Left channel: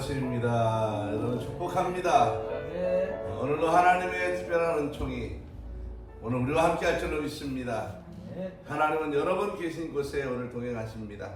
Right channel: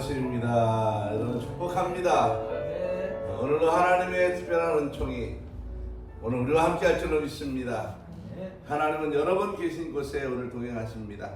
아침입니다. 여러분 축복합니다. 오늘도 하나님의 특별한 은총이 오늘 우리와 함께 할 줄로 믿습니다. 하나님은 여러분 계신 곳에 오늘 동행하십니다.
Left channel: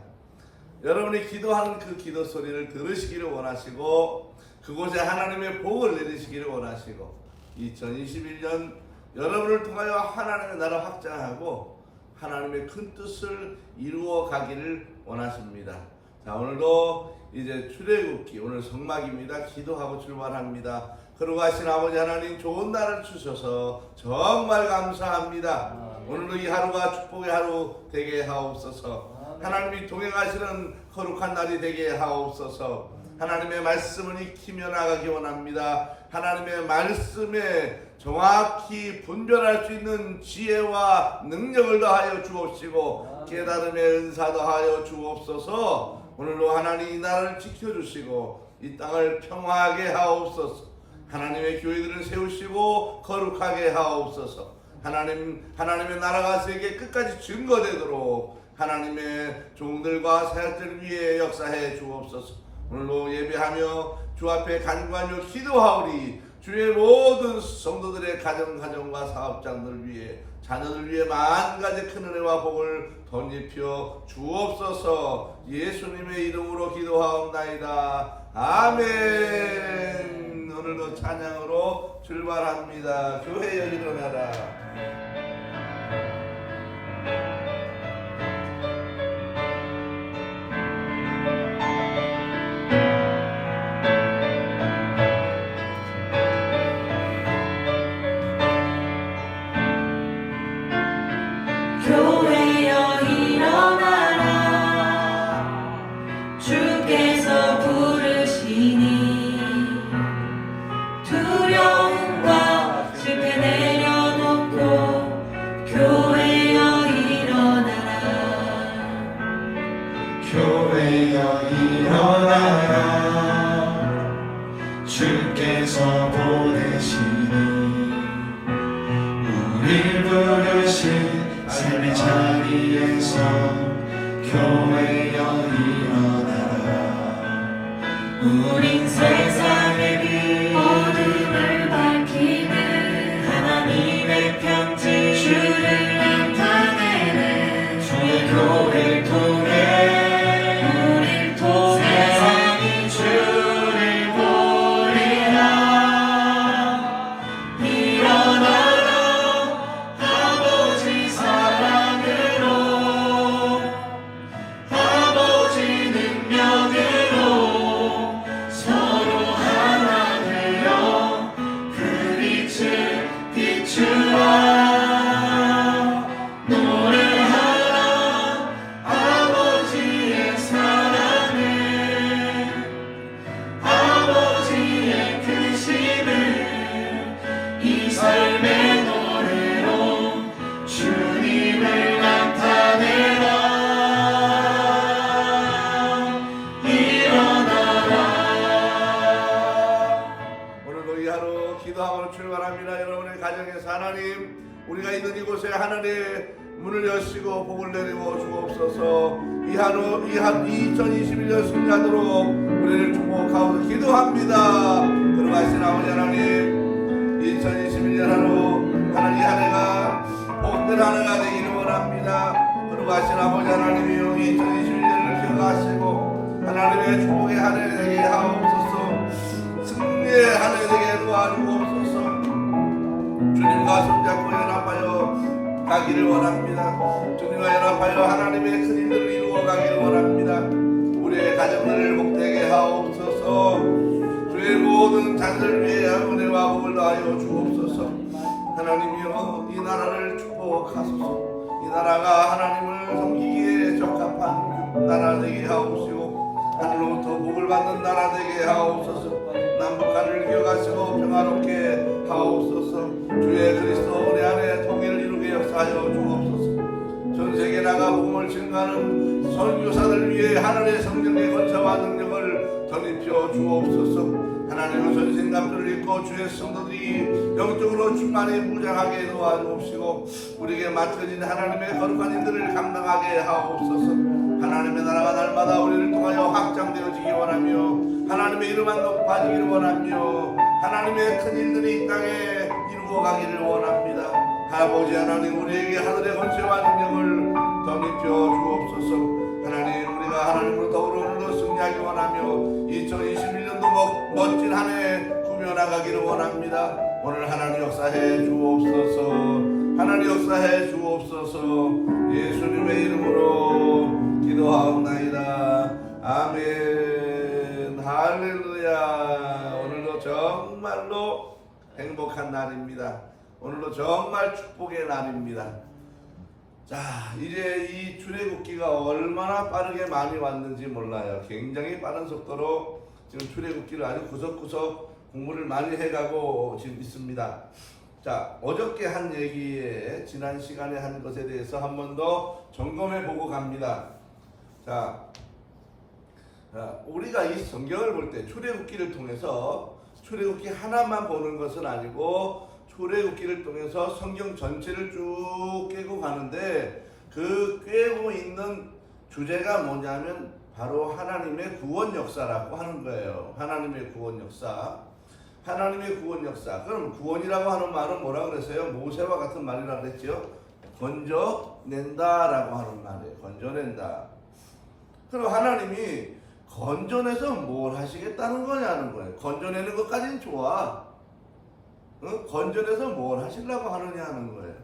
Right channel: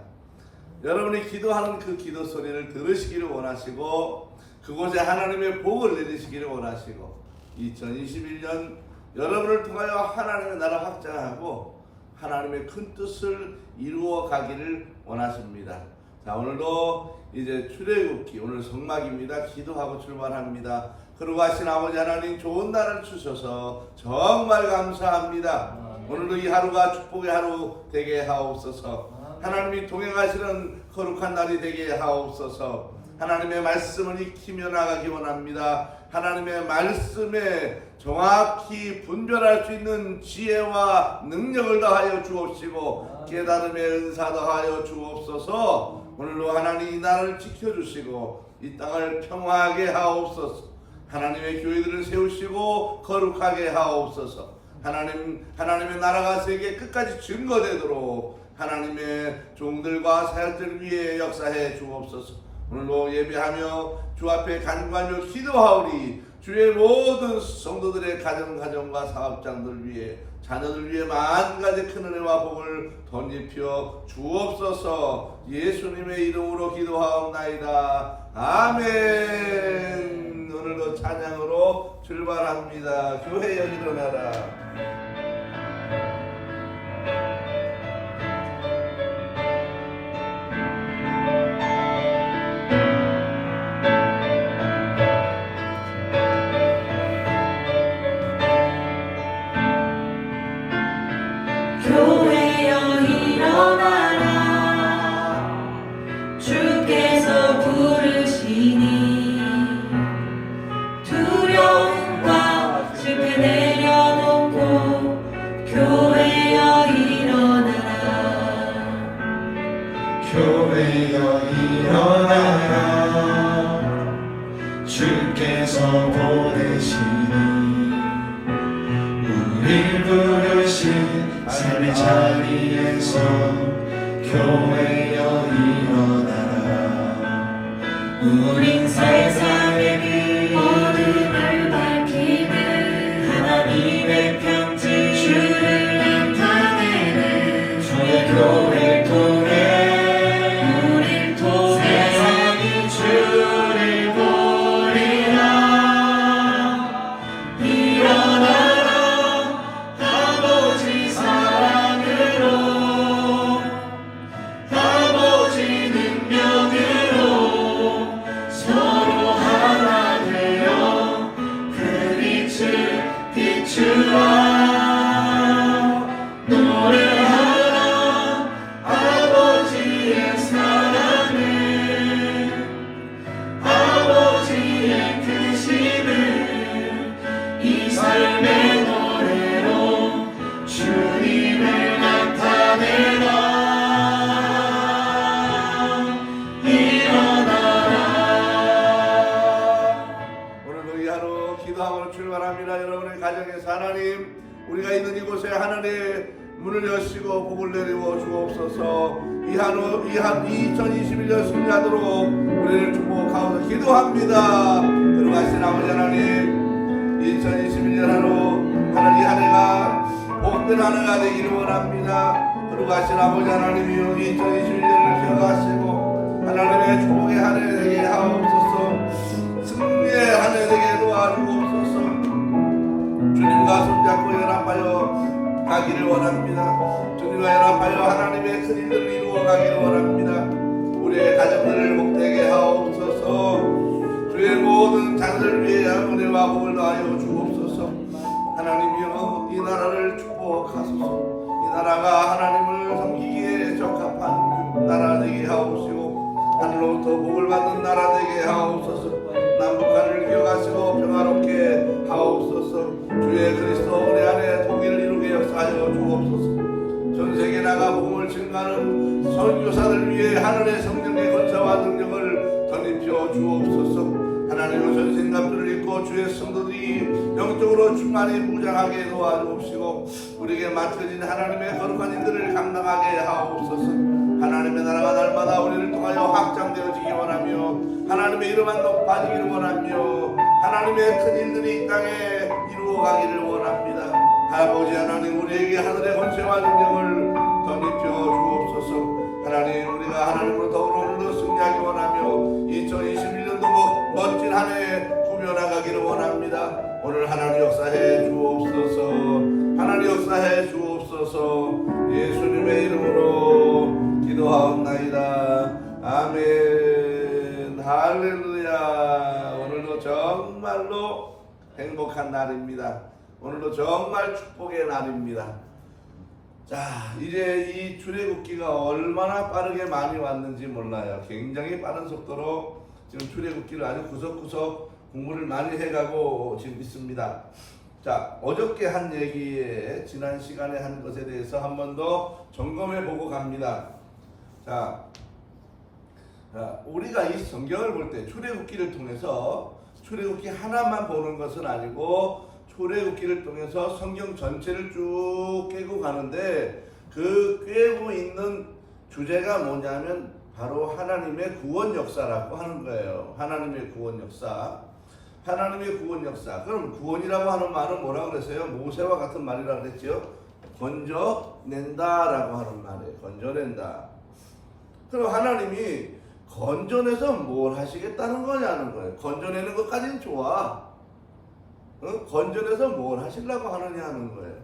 여러분이 기도하는 그 기도 소리를 들으시기를 원하시고 그곳에 하나님의 복을 내리시기를 원하시고 2021년 여러분을 통하여 하나님의 나라 확장하고 하나님의 큰 뜻을 이루어 가기를 원하십니다. 자, 오늘도 이제 출애굽기 오늘 성막입니다. 기도하고 출발합니다. 거룩하신 아버지 하나님 좋은 날을 주셔서 정말 감사합니다. 오늘도 이 하루가 축복의 하루 되게 하옵소서. 하나님이 동행하시는 거룩한 날이 되게 하옵소서. 하나님의 말씀을 익히며 나가기 원합니다. 하나님의 말씀에 정확히 분별할 수 있는 지혜와 능력을 더하여 주옵시고 깨달음의 은사 더하여 주옵소서. 오늘도 하나님 이 나라를 지켜주시고 이 땅을 평화하게 하옵소서. 하나님의 교회들을 세우시고 거룩하게 하옵소서. 하나님의 나라가 세계 끝까지 증거되도록 하나님의 종들과 사역들 위해 역사해 주옵소서. 오늘도 예배하며 주 앞에 간구하며 기도하오리. 주의 모든 성도들의 가정과 사업장들 위해 자녀들 위해 만가지 큰 은혜와 복을 덧입혀 주옵소서. 예수님의 이름으로 기도하옵나이다. 아멘. 오늘도 찬양으로 출발합니다. 교회여 일어나라. 주께서 보내시니 우릴 부르신 삶의 자리에서 교회여 일어나라. 우린 세상의 빛 어둠을 밝히는 하나님의 편지 주를 나타내는 주의 교회를 통해 여러분의 가정에서 하나님 우리가 있는 이곳에 하나님의 문을 여시고 복을 내리워 주옵소서. 이 한우 2021년 승리하도록 우리를 축복하옵소서. 기도합니다. 거룩하신 아버지 하나님 2021년 하나님 이 한 해가 복된 한 해가 되기를 원합니다. 거룩하신 아버지 하나님이여 2021년을 기억하시고 하나님의 축복의 한 해 되게 하옵소서. 승리의 한 해 되게 도와주옵소서. 주님과 손잡고 연합하여 가기를 원합니다. 주님과 연합하여 하나님의 큰 일들을 이루어 가기를 원합니다. 우리의 가정들을 복되게 하옵소서. 주의 모든 자녀들 위해 은혜와 복을 더하여 주옵소서. 하나님이여 이 나라를 축복하소서. 이 나라가 하나님을 섬기기에 적합한 나라 되게 하옵시고 하늘로부터 복을 받는 나라 되게 하옵소서. 남북한을 기억하시고 평화롭게 하옵소서. 주의 그리스도 우리 안에 통일을 이루게 역사하여 주옵소서. 전세계 나가 복음을 증가하는 선교사들 위해 하늘의 성령의 권세와 능력을 덧입혀 주옵소서. 하나님의 선생님들을 입고 주의 성도들이 영적으로 충만히 무장하게 도와주옵시고 우리에게 맡겨진 하나님의 거룩한 일들을 감당하게 하옵소서. 하나님의 나라가 날마다 우리를 통하여 확장되어지기 원하며 하나님의 이름만 높아지기를 원하며 하나님의 큰 일들이 이 땅에 이루어가기를 원합니다. 아버지 하나님, 우리에게 하늘의 권세와 능력을 덧입혀 주옵소서. 하나님, 우리가 하나님으로 더불어 오늘도 승리하기 원하며 2021년도 멋진 한 해 꾸며나가기를 원합니다. 오늘 하나님 역사해 주옵소서. 하나님 역사해 주옵소서. 예수님의 이름으로 기도하옵나이다. 아멘. 할렐루야. 오늘도 정말로 행복한 날입니다. 오늘도 정말 축복의 날입니다. 자, 이제 이 출애굽기가 얼마나 빠르게 많이 왔는지 몰라요. 굉장히 빠른 속도로 지금 출애굽기를 아주 구석구석 공부를 많이 해가고 지금 있습니다. 자, 어저께 한 얘기에 지난 시간에 한 것에 대해서 한 번 더 점검해 보고 갑니다. 자, 우리가 이 성경을 볼 때 출애굽기를 통해서 출애굽기 하나만 보는 것은 아니고 출애굽기를 통해서 성경 전체를 쭉 깨고 가는데 그 깨고 있는 주제가 뭐냐면 바로 하나님의 구원 역사라고 하는 거예요. 하나님의 구원 역사. 하나님의 구원 역사. 그럼 구원이라고 하는 말은 뭐라고 그랬어요? 모세와 같은 말이라고 그랬죠. 건져낸다라고 하는 말이에요. 건져낸다. 그럼 하나님이 건져내서 뭘 하시겠다는 거냐는 거예요. 건져내는 것까지는 좋아. 건져내서 뭘 하시려고 하느냐 하는 거예요.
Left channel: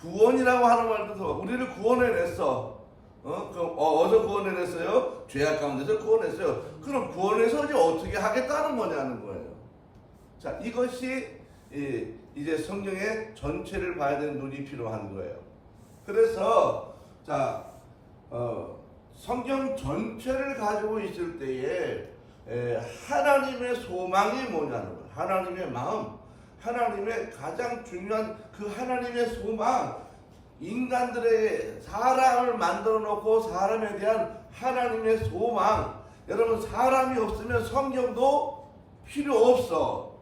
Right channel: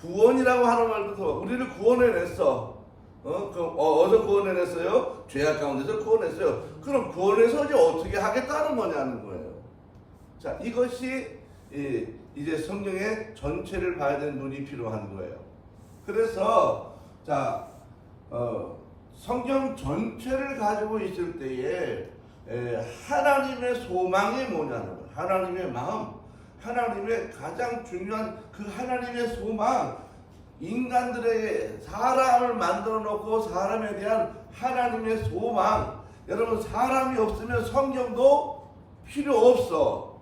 구원이라고 하는 말도 더 우리를 구원해냈어. 어디서 구원해냈어요? 죄악 가운데서 구원했어요. 그럼 구원해서 이제 어떻게 하겠다는 거냐는 거예요. 자, 이것이 이제 성경의 전체를 봐야 되는 눈이 필요한 거예요. 그래서 자, 성경 전체를 가지고 있을 때에 하나님의 소망이 뭐냐는 거예요. 하나님의 마음, 하나님의 가장 중요한 그 하나님의 소망, 인간들에게 사람을 만들어 놓고 사람에 대한 하나님의 소망. 여러분, 사람이 없으면 성경도 필요 없어.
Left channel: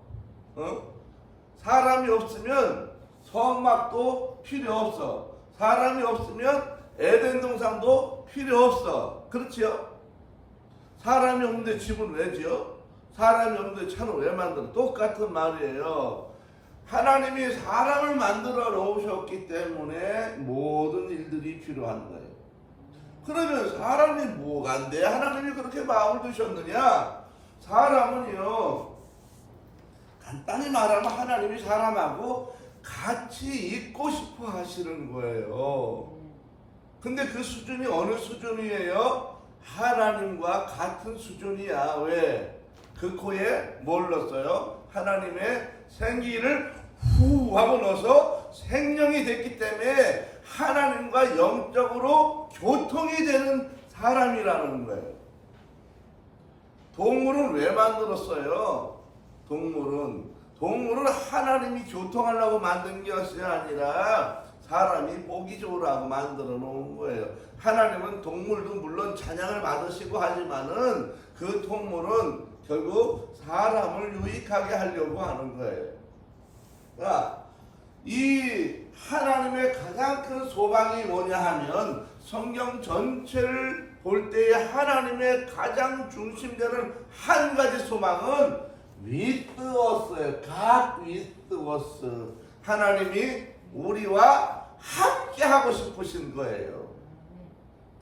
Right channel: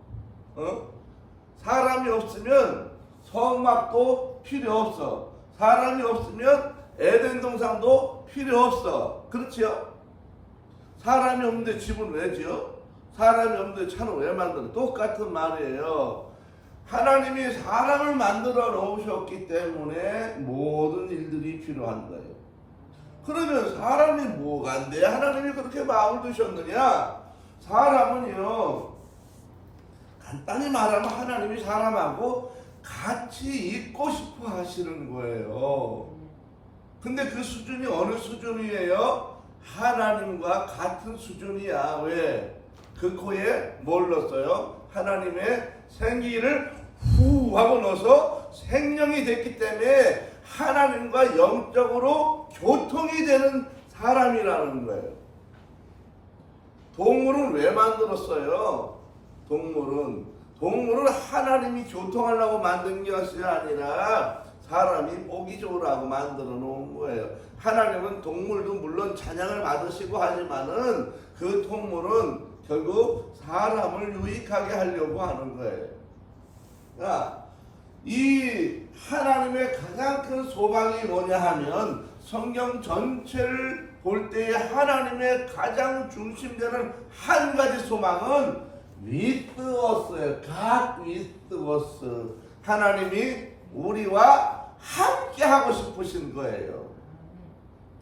사람이 없으면 성막도 필요 없어. 사람이 없으면 에덴 동산도 필요 없어. 그렇지요? 사람이 없는데 집은 왜 지어? 사람이 없는데 차는 왜 만들어? 똑같은 말이에요. 하나님이 사람을 만들어 놓으셨기 때문에 모든 일들이 필요한 거예요. 그러면 사람이 뭐가 안 돼? 하나님이 그렇게 마음을 두셨느냐? 사람은요, 간단히 말하면 하나님이 사람하고 같이 있고 싶어 하시는 거예요. 근데 그 수준이 어느 수준이에요? 하나님과 같은 수준이야. 왜? 그 코에 뭘 넣었어요? 하나님의 생기를 후 하고 넣어서 생명이 됐기 때문에 하나님과 영적으로 교통이 되는 사람이라는 거예요. 동물은 왜 만들었어요? 동물은 하나님이 교통하려고 만든 것이 아니라 사람이 보기 좋으라고 만들어 놓은 거예요. 하나님은 동물도 물론 찬양을 받으시고 하지만은 그 동물은 결국 사람을 유익하게 하려고 하는 거예요. 그러니까 이 하나님의 가장 큰 소망이 뭐냐 하면 성경 전체를 볼 때에 하나님의 가장 중심되는 한 가지 소망은 with us예요. God with us. 하나님이 우리와 함께 하고 싶으신 거예요.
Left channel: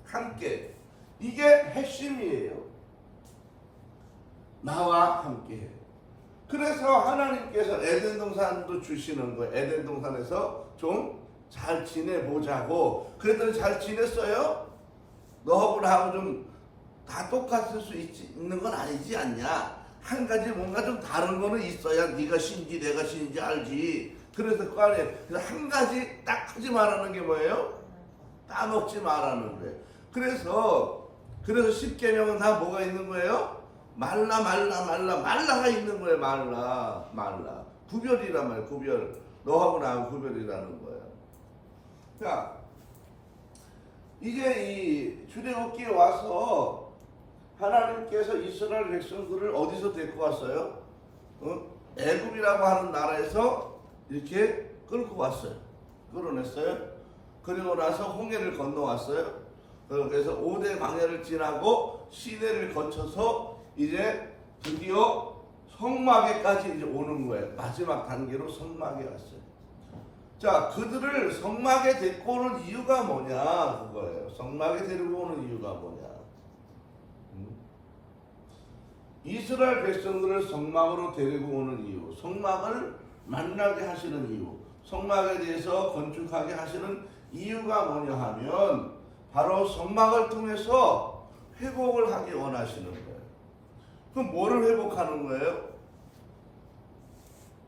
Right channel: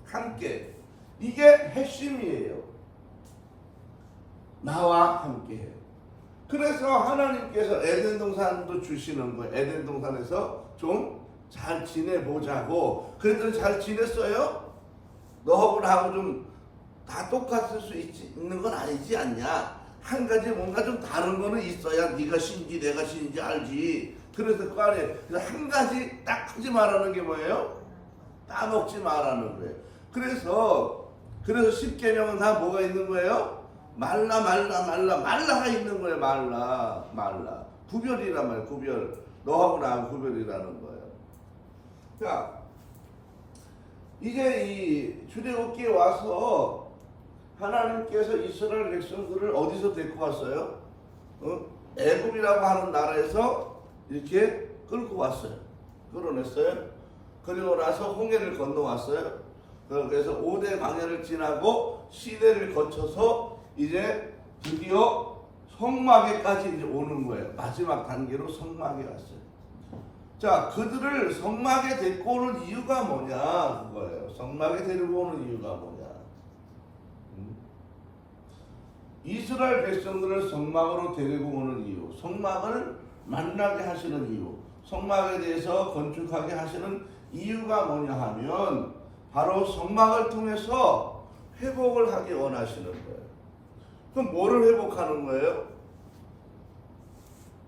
함께. 이게 핵심이에요. 나와 함께. 그래서 하나님께서 에덴 동산도 주시는 거예요. 에덴 동산에서 좀 잘 지내보자고. 그랬더니 잘 지냈어요? 너하고 나하고 좀 다 똑같을 수 있는 건 아니지 않냐? 한 가지 뭔가 좀 다른 거는 있어야 네가 신지 내가 신지 알지. 그래서 그 안에 한 가지 딱 하지 말라는 게 뭐예요? 따먹지 말라는 거예요. 그래서 10계명은 다 뭐가 있는 거예요? 말라가 있는 거예요. 말라. 구별이란 말이에요. 구별. 너하고 나하고 구별이라는 거예요. 자, 이제 이 출애굽기에 와서 하나님께서 이스라엘 백성들을 어디서 데리고 왔어요? 애굽이라고 하는 나라에서 이렇게 끌고 왔어요. 끌어냈어요. 그리고 나서 홍해를 건너왔어요. 그래서 5대 광야를 지나고 시내를 거쳐서 이제 드디어 성막에까지 이제 오는 거예요. 마지막 단계로 성막에 왔어요. 자, 그들을 성막에 데리고 오는 이유가 뭐냐 그거예요. 성막에 데리고 오는 이유가 뭐냐. 이스라엘 백성들을 성막으로 데리고 오는 이유, 성막을 만나게 하시는 이유, 성막에 대해서 건축하게 하시는 이유가 뭐냐 하면 바로 성막을 통해서 회복을 하기 원하시는 거예요. 그럼 뭐를 회복하는 거예요?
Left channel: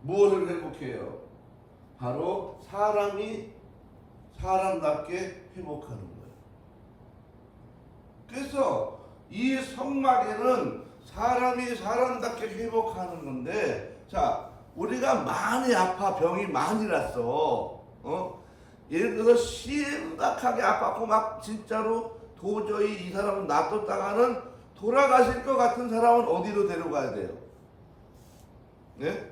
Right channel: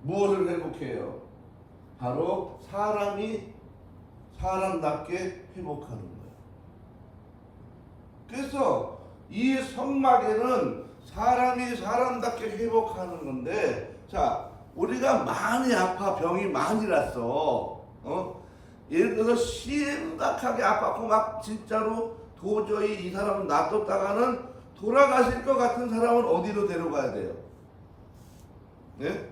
무엇을 회복해요? 바로 사람이 사람답게 회복하는 거예요. 그래서 이 성막에는 사람이 사람답게 회복하는 건데, 자, 우리가 많이 아파, 병이 많이 났어. 예를 들어서 심각하게 아팠고 막 진짜로 도저히 이 사람은 놔뒀다가는 돌아가실 것 같은 사람은 어디로 데려가야 돼요? 네?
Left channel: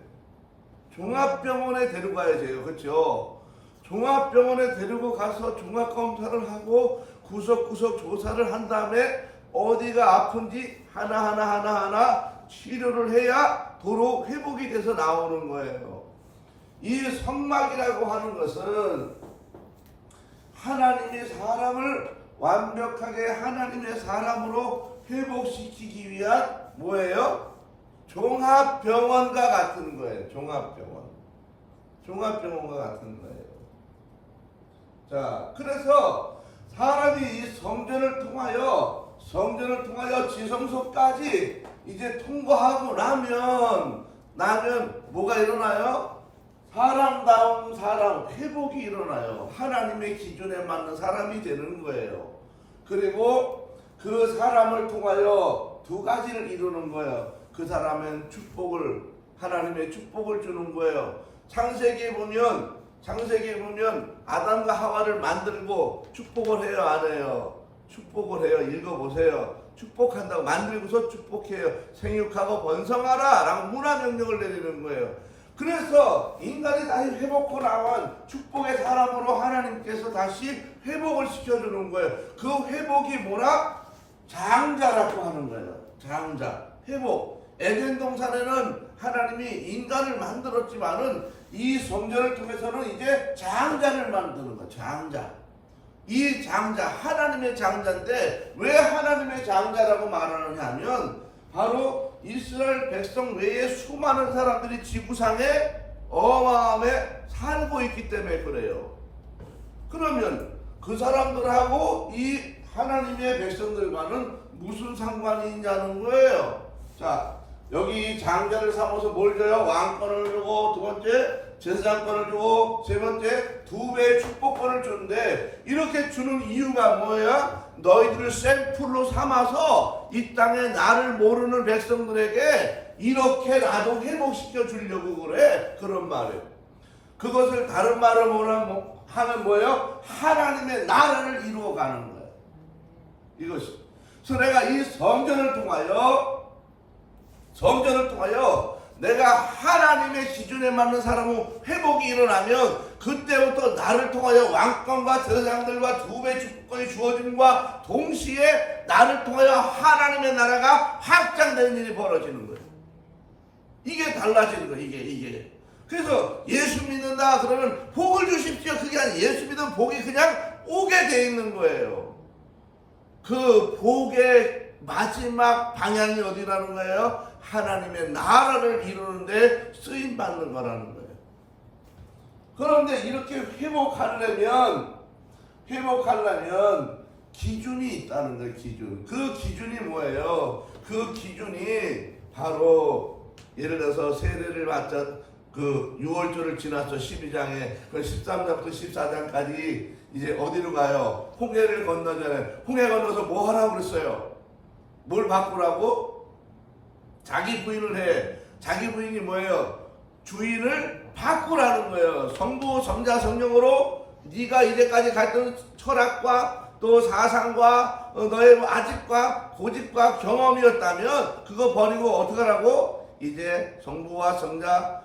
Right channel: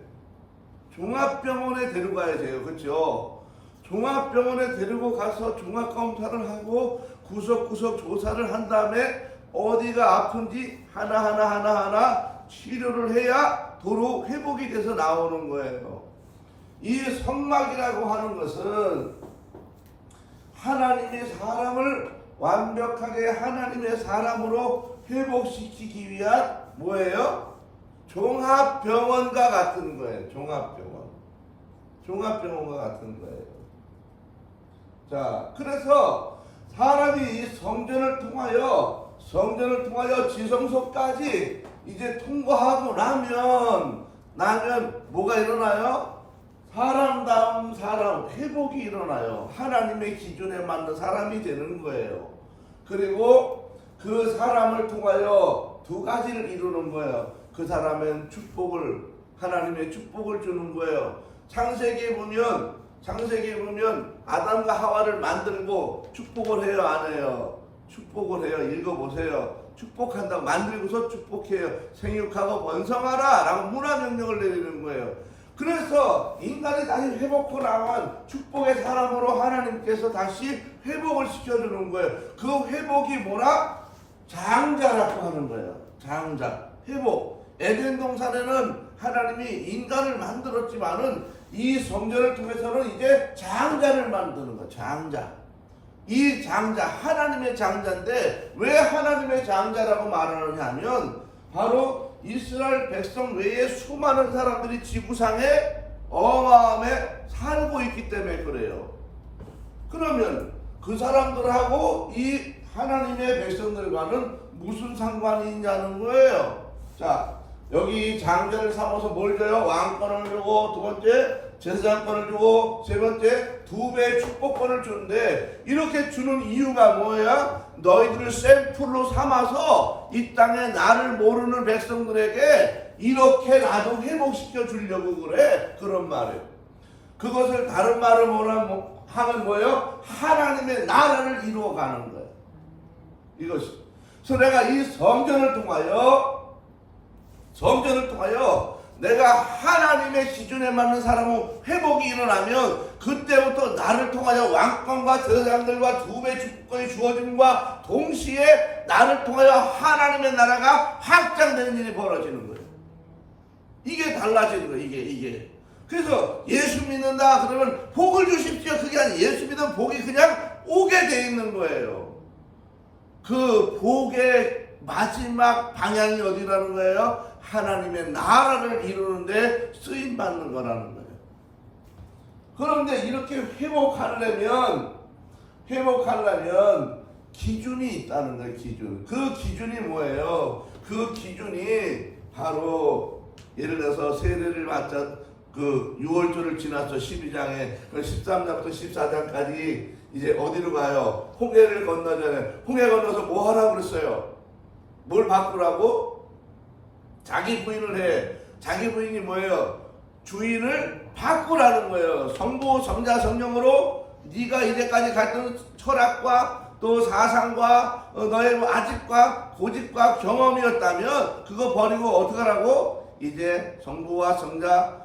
종합병원에 데려가야 돼요. 그렇죠? 종합병원에 데리고 가서 종합검사를 하고 구석구석 조사를 한 다음에 어디가 아픈지 하나하나 치료를 해야 도로 회복이 돼서 나오는 거예요. 이 성막이라고 하는 것은 하나님의 사람을 완벽하게 하나님의 사람으로 회복시키기 위한 뭐예요? 종합병원과 같은 거예요. 종합병원과 같은 거예요. 자, 그래서 사람이 이 성전을 통하여 지성소까지 이제 통과하고 나면 뭐가 일어나요? 사람다운 사람, 회복이 일어나요. 하나님의 기준에 맞는 사람이 되는 거예요. 그리고 그 사람을 통하여 두 가지를 이루는 거예요. 그 사람은 하나님의 축복을 주는 거예요. 창세기에 보면 아담과 하와를 만들고 축복을 해요, 안 해요? 축복을 해요. 읽어보세요. 축복한다고, 만들고서 축복해요. 생육하고 번성하라 라고 문화명령을 내리는 거예요. 그래서 인간이 다시 회복하고 나면 축복의 사람으로 하나님께서 다시 회복을 시켜주는 거예요. 그 회복이 뭐라? 장자라고 하는 거예요. 장자, 회복. 에덴 동산에는 하나님이 인간을 만들었지만은 이 성전을 통해서는 이제 장자를 만드는 거예요. 장자. 이 장자, 하나님의 장자인데 왜 하나님의 장자라고 말하느냐 하면 바로 이스라엘 백성 외에 수많은 사람들이 지구상에 어마어마하게 살고 있기 때문에 그래요. 그러면 그 사람들하고 이 하나님의 백성들과는 무슨 상관이 있냐는 거예요. 자, 여기 장자를 삼아서 뭘 줘요? 왕권을 주고, 두 번째 제사장권을 주고, 세 번째 2배의 축복권을 주는데, 이렇게 주는 이유가 뭐야? 너희들을 샘플로 삼아서 이 땅에 나를 모르는 백성들에게 이렇게 나도 회복시켜 주려고 그래. 그런 말이에요. 그것을 다른 말로 하면 뭐예요? 하나님의 나라를 이루어가는 거예요. 이것이. 그래서 내가 이 성전을 통하여 내가 하나님의 기준에 맞는 사람은 회복이 일어나면 그때부터 나를 통하여 왕권과 제사장들과 2배 축복권이 주어짐과 동시에 나를 통하여 하나님의 나라가 확장되는 일이 벌어지는 거예요. 이게 달라지는 거예요. 이게. 그래서 예수 믿는다 그러면 복을 주십시오. 그게 아니에요. 예수 믿으면 복이 그냥 오게 돼 있는 거예요. 그 복의 마지막 방향이 어디라는 거예요? 하나님의 나라를 이루는데 쓰임받는 거라는 거예요. 그런데 이렇게 회복하려면 기준이 있다는 거예요. 기준. 그 기준이 뭐예요? 그 기준이 바로 예를 들어서 세례를 받자 그 6월절을 지나서 12장에 그 13장부터 14장까지 이제 어디로 가요? 홍해를 건너잖아요. 홍해 건너서 뭐 하라고 그랬어요? 뭘 바꾸라고? 자기 부인을 해. 자기 부인이 뭐예요? 주인을 바꾸라는 거예요. 성부, 성자, 성령으로 네가 이제까지 갔던 철학과 또 사상과 너의 아집과 고집과 경험이었다면 그거 버리고 어떻게 하라고? 이제 성부와 성자,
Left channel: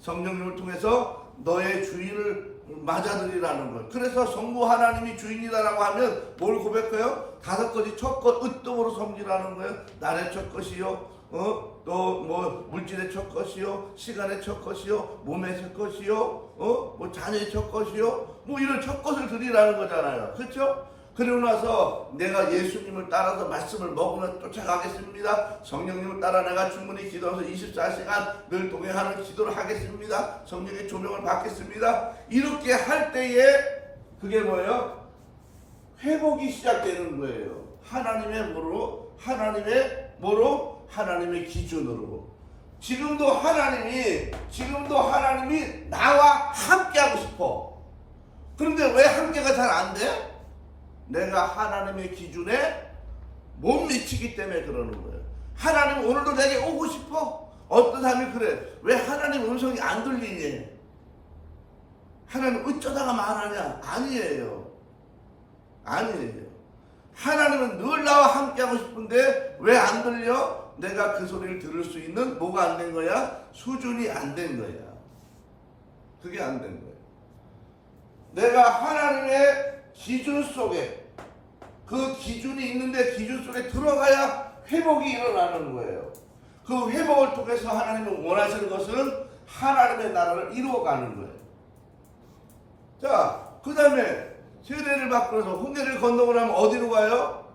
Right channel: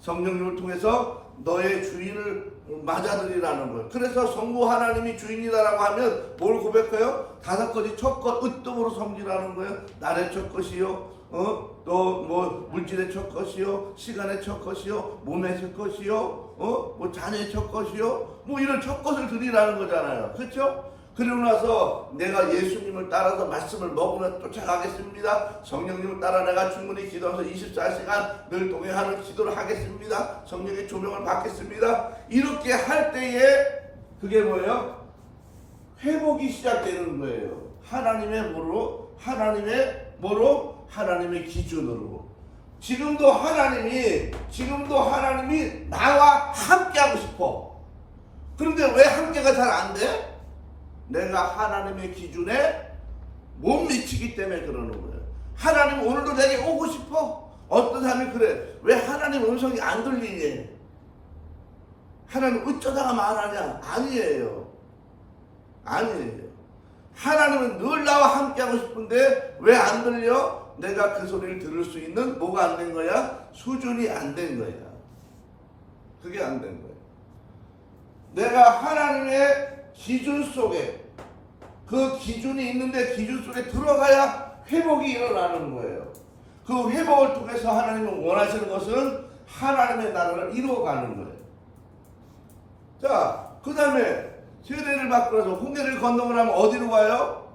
성령님을 통해서 너의 주인을 맞아들이라는 거예요. 그래서 성부 하나님이 주인이다라고 하면 뭘 고백해요? 5가지 첫 것 으뜸으로 섬기라는 거예요. 날의 첫 것이요, 또 뭐 물질의 첫 것이요, 시간의 첫 것이요, 몸의 첫 것이요, 뭐 자녀의 첫 것이요, 뭐 이런 첫 것을 드리라는 거잖아요. 그렇죠? 그리고 나서 내가 예수님을 따라서 말씀을 먹으며 쫓아가겠습니다. 성령님을 따라 내가 충분히 기도하면서 24시간 늘 동행하는 기도를 하겠습니다. 성령의 조명을 받겠습니다. 이렇게 할 때에 그게 뭐예요? 회복이 시작되는 거예요. 하나님의 뭐로? 하나님의 기준으로. 지금도 하나님이 나와 함께하고 싶어. 그런데 왜 함께가 잘 안 돼? 내가 하나님의 기준에 못 미치기 때문에 그러는 거예요. 하나님 오늘도 내게 오고 싶어. 어떤 사람이 그래. 왜 하나님 음성이 안 들리니? 하나님 어쩌다가 말하냐? 아니에요. 하나님은 늘 나와 함께하고 싶은데 왜 안 들려? 내가 그 소리를 들을 수 있는 뭐가 안 된 거야? 수준이 안 된 거야. 그게 안 된 거야. 내가 하나님의 기준 속에, 그 기준이 있는데 기준 속에 들어가야 회복이 일어나는 거예요. 그 회복을 통해서 하나님은 원하시는 것은 하나님의 나라를 이루어가는 거예요. 자, 그 다음에 세례를 받고 나서 홍해를 건너고 나면 어디로 가요?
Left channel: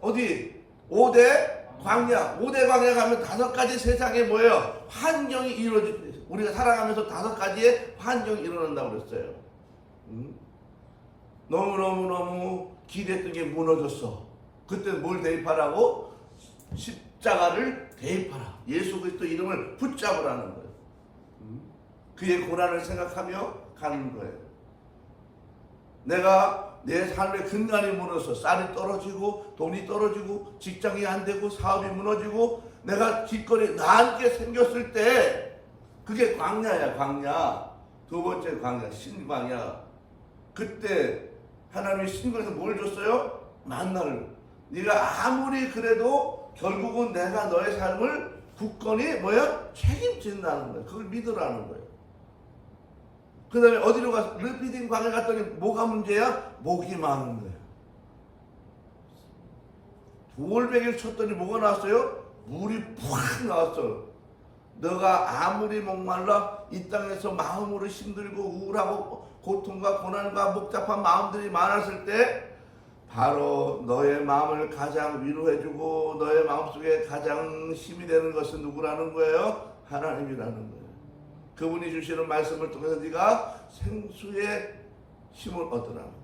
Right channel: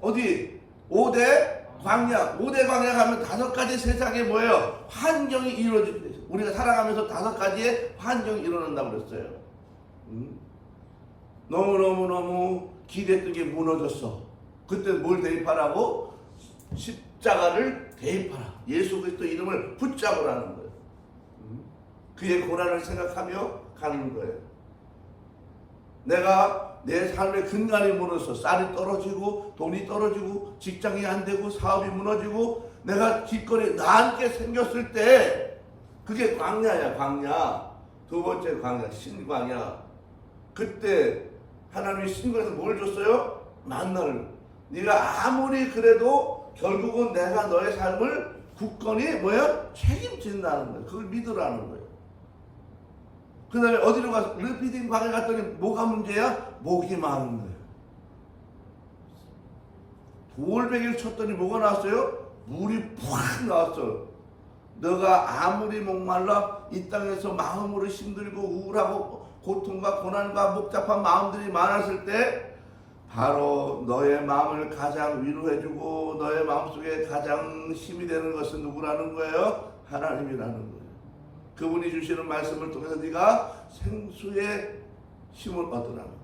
어디? 5대 광야. 5대 광야 가면 5가지 세상에 뭐예요? 환경이 이루어지죠. 우리가 살아가면서 5가지의 환경이 일어난다고 그랬어요. 너무너무 기대했던 게 무너졌어. 그때 뭘 대입하라고? 십자가를 대입하라. 예수 그리스도 이름을 붙잡으라는 거예요. 그의 고난을 생각하며 가는 거예요. 내가 내 삶의 근간이 무너져 쌀이 떨어지고 돈이 떨어지고 직장이 안 되고 사업이 무너지고 내가 길거리에 나앉게 생겼을 때 그게 광야야. 광야. 두 번째 광야, 신광야. 그때 하나님이 신광에서 뭘 줬어요? 만나를. 네가 아무리 그래도 결국은 내가 너의 삶을 굳건히 책임진다는 거예요. 그걸 믿으라는 거예요. 그 다음에 어디로 가서 르피딘 광야 갔더니 뭐가 문제야? 목이 마른 거예요. 돌베개를 쳤더니 뭐가 나왔어요? 물이 푹 나왔어요. 너가 아무리 목말라 이 땅에서 마음으로 힘들고 우울하고 고통과 고난과 복잡한 마음들이 많았을 때 바로 너의 마음을 가장 위로해주고 너의 마음속에 가장 힘이 되는 것은 누구라는 거예요? 하나님이라는 거예요. 그분이 주시는 말씀을 통해서 네가 생수의 힘을 얻으라는 거예요.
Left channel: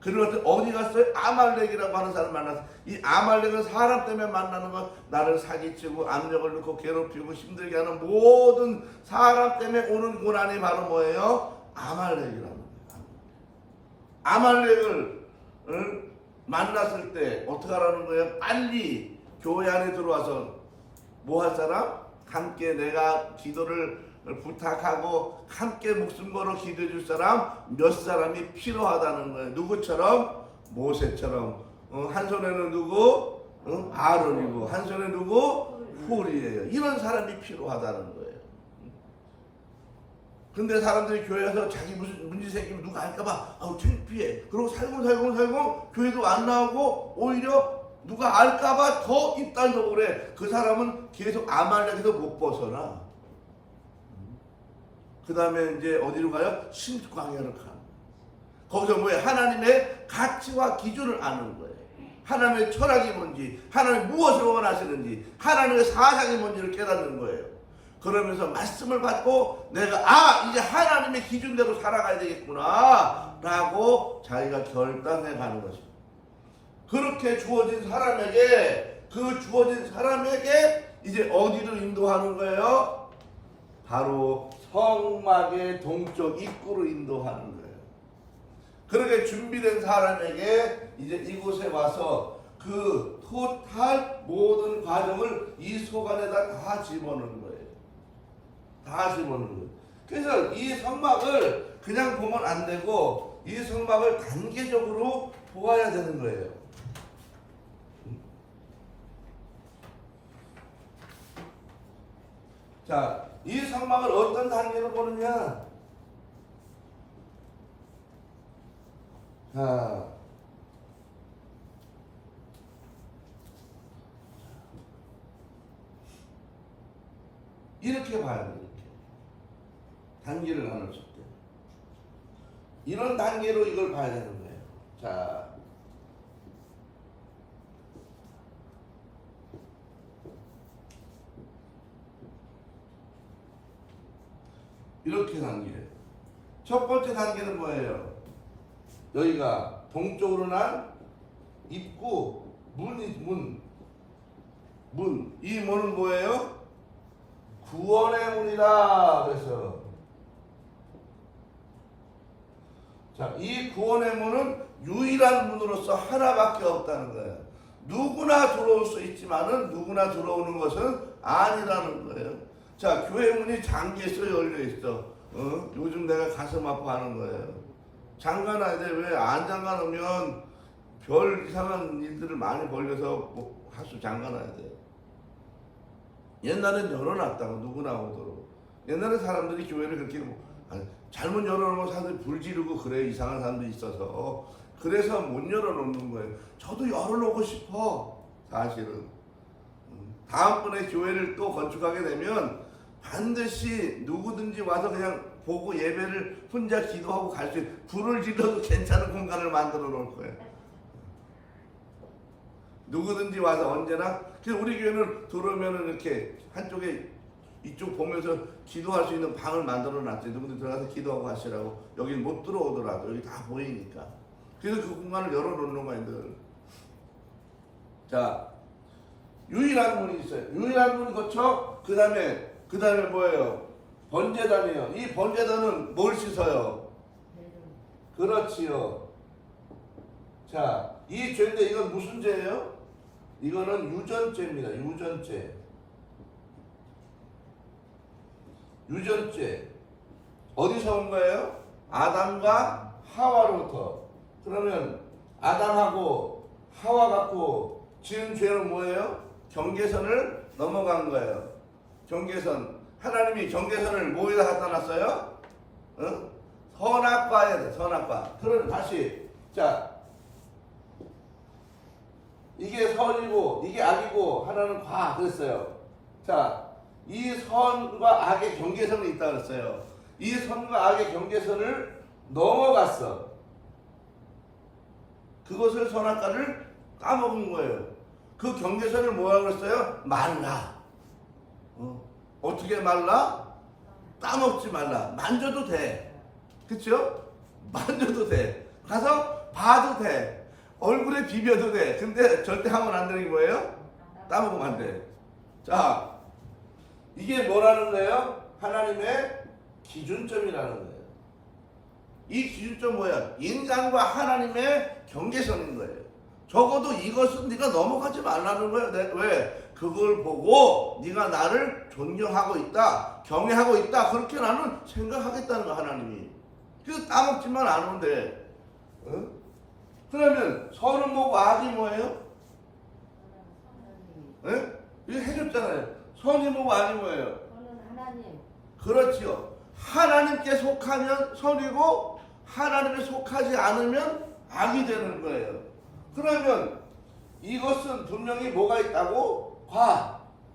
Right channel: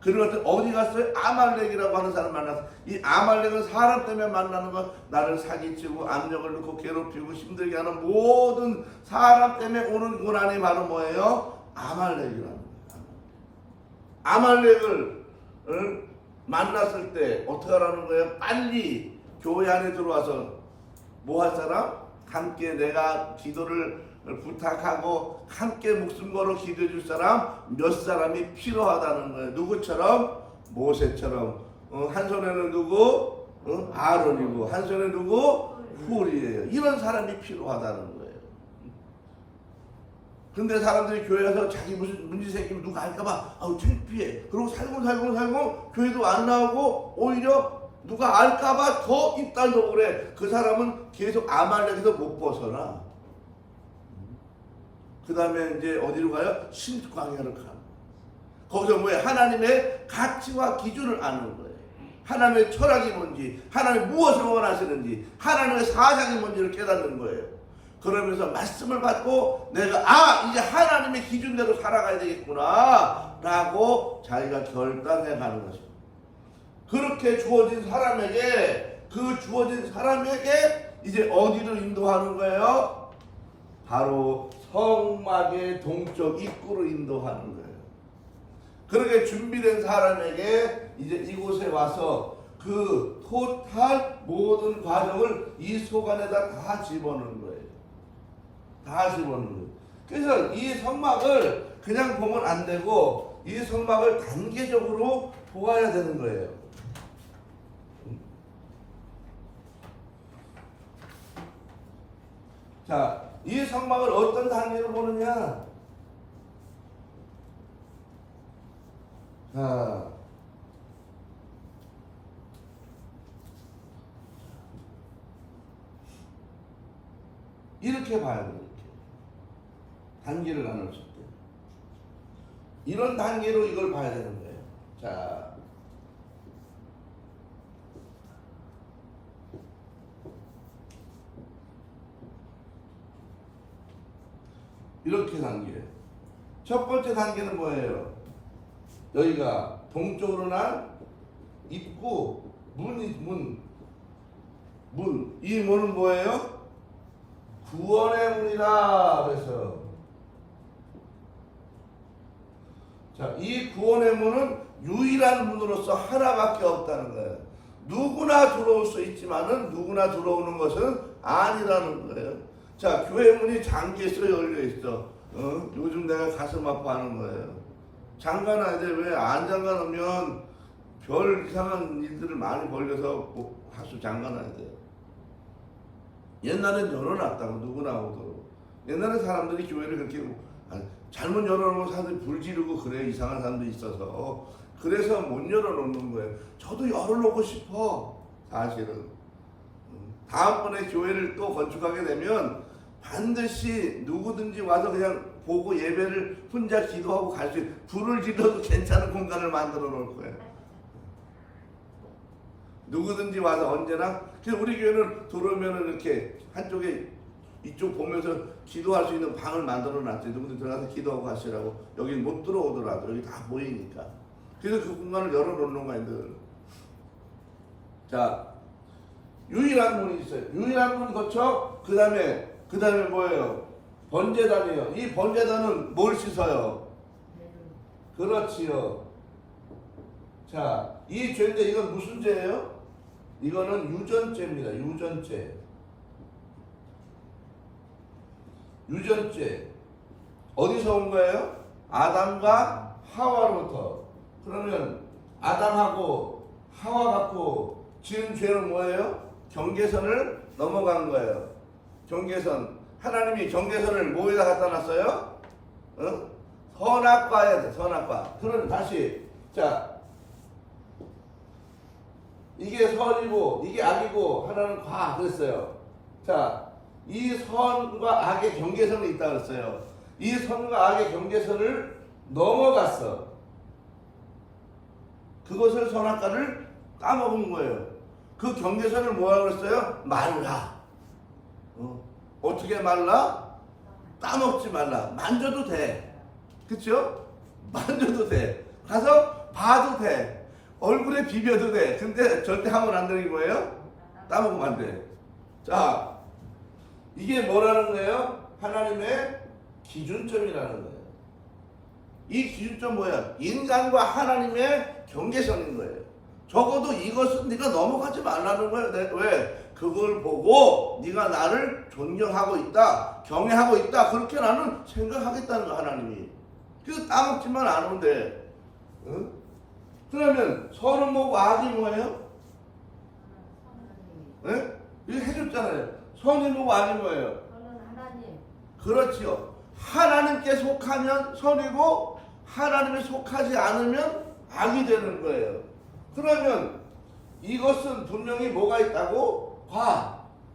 그리고 어디 갔어요? 아말렉이라고 하는 사람 만났어요. 이 아말렉은 사람 때문에 만나는 건 나를 사기치고 압력을 넣고 괴롭히고 힘들게 하는 모든 사람 때문에 오는 고난이 바로 뭐예요? 아말렉이라는 거예요. 아말렉을 만났을 때 어떻게 하라는 거예요? 빨리 교회 안에 들어와서 뭐 할 사람? 함께 내가 기도를 부탁하고 함께 목숨 걸어 기도해 줄 사람 몇 사람이 필요하다는 거예요. 누구처럼? 모세처럼. 한 손에는 누구? 아론이고 한 손에 누구? 훌이에요. 이런 사람이 필요하다는 거예요. 근데 사람들이 교회 가서 자기 무슨 문제 생기면 누가 알까봐 창피해. 그리고 살고 교회도 안 나오고 오히려 누가 알까봐 더 입단속을 해. 그 사람은 계속 아말렉에서 못 벗어나. 그 다음에 이제 어디로 가요? 신광야를 가는. 거기서 뭐예요? 하나님의 가치와 기준을 아는 거예요. 하나님의 철학이 뭔지, 하나님 무엇을 원하시는지, 하나님의 사상이 뭔지를 깨닫는 거예요. 그러면서 말씀을 받고 내가 이제 하나님의 기준대로 살아가야 되겠구나 라고 자기가 결단해 가는 것입니다. 그렇게 주어진 사람에게 이제 어디로 인도하는 거예요? 바로 성막의 동쪽 입구로 인도하는 거예요. 그렇게 준비된 사람에게 이제 이곳에 와서 그 토탈 모든 과정을 이 속 안에다 다 집어넣는 거예요. 다 집어넣는 거예요. 그래서 이 성막을 그냥 보면 안 되고 이 성막을 단계적으로 보아야 되는 거예요. 자, 이 성막을 어떤 단계로 보느냐? 자, 이렇게 봐야 돼. 이렇게 단계를 나눴을 때 이런 단계로 이걸 봐야 되는 거예요. 자, 이렇게 단계. 첫 번째 단계는 뭐예요? 여기가 동쪽으로 난 입구, 문. 이 문은 뭐예요? 구원의 문이다. 그래서 자, 이 구원의 문은 유일한 문으로서 하나밖에 없다는 거예요. 누구나 들어올 수 있지만은 누구나 들어오는 것은 아니라는 거예요. 자, 교회 문이 잠겨 있어, 열려 있어. 요즘 내가 가슴 아파하는 거예요. 잠가놔야 돼. 왜 안 잠가 놓으면 별 이상한 일들을 많이 벌려서 하수 잠가놔야 돼요. 옛날엔 열어놨다고 누구나 오도록. 옛날에 사람들이 교회를 그렇게 잘못 열어놓으면 사람들이 불 지르고 그래, 이상한 사람들이 있어서. 그래서 못 열어놓는 거예요. 저도 열어놓고 싶어, 사실은. 다음번에 교회를 또 건축하게 되면 반드시 누구든지 와서 그냥 보고 예배를 혼자 기도하고 갈 수 있는, 불을 질러도 괜찮은 공간을 만들어 놓을 거예요. 누구든지 와서 언제나. 그래서 우리 교회는 들어오면은 이렇게 한쪽에 이쪽 보면서 기도할 수 있는 방을 만들어 놨어요. 누구든지 들어가서 기도하고 가시라고. 여기 못 들어오더라도 여기 다 보이니까. 그래서 그 공간을 열어 놓는 거예요, 늘. 자, 유일한 문이 있어요. 유일한 문 거쳐. 그 다음에 뭐예요? 번제단이에요. 이 번제단은 뭘 씻어요? 그렇지요. 자, 이 죄인데 이건 무슨 죄예요? 이거는 유전죄입니다. 유전죄. 어디서 온 거예요? 아담과 하와로부터. 그러면 아담하고 하와 갖고 지은 죄는 뭐예요? 경계선을 넘어간 거예요. 경계선. 하나님이 경계선을 뭐에다 갖다 놨어요? 선악과에 돼. 선악과. 그럼 다시. 자, 이게 선이고 이게 악이고 하나는 과 그랬어요. 자, 이 선과 악의 경계선이 있다 그랬어요. 이 선과 악의 경계선을 넘어갔어. 그것을 선악과를 까먹은 거예요. 그 경계선을 뭐라고 그랬어요? 말라. 어떻게 말라? 까먹지 말라. 만져도 돼. 그쵸? 만져도 돼. 가서 봐도 돼. 얼굴에 비벼도 돼. 근데 절대 하면 안 되는 게 뭐예요? 따먹으면 안 돼. 자, 이게 뭐라는 거예요? 하나님의 기준점이라는 거예요. 이 기준점 뭐야? 인간과 하나님의 경계선인 거예요. 적어도 이것은 네가 넘어가지 말라는 거예요. 왜? 그걸 보고 네가 나를 존경하고 있다, 경외하고 있다, 그렇게 나는 생각하겠다는 거야, 하나님이. 그래서 따먹지만 않으면 돼. 응? 그러면 선은 뭐고 악이 뭐예요? 네? 이거 해줬잖아요. 선이 뭐고 악이 뭐예요? 하나님. 그렇지요. 하나님께 속하면 선이고 하나님에 속하지 않으면 악이 되는 거예요. 그러면 이것은 분명히 뭐가 있다고?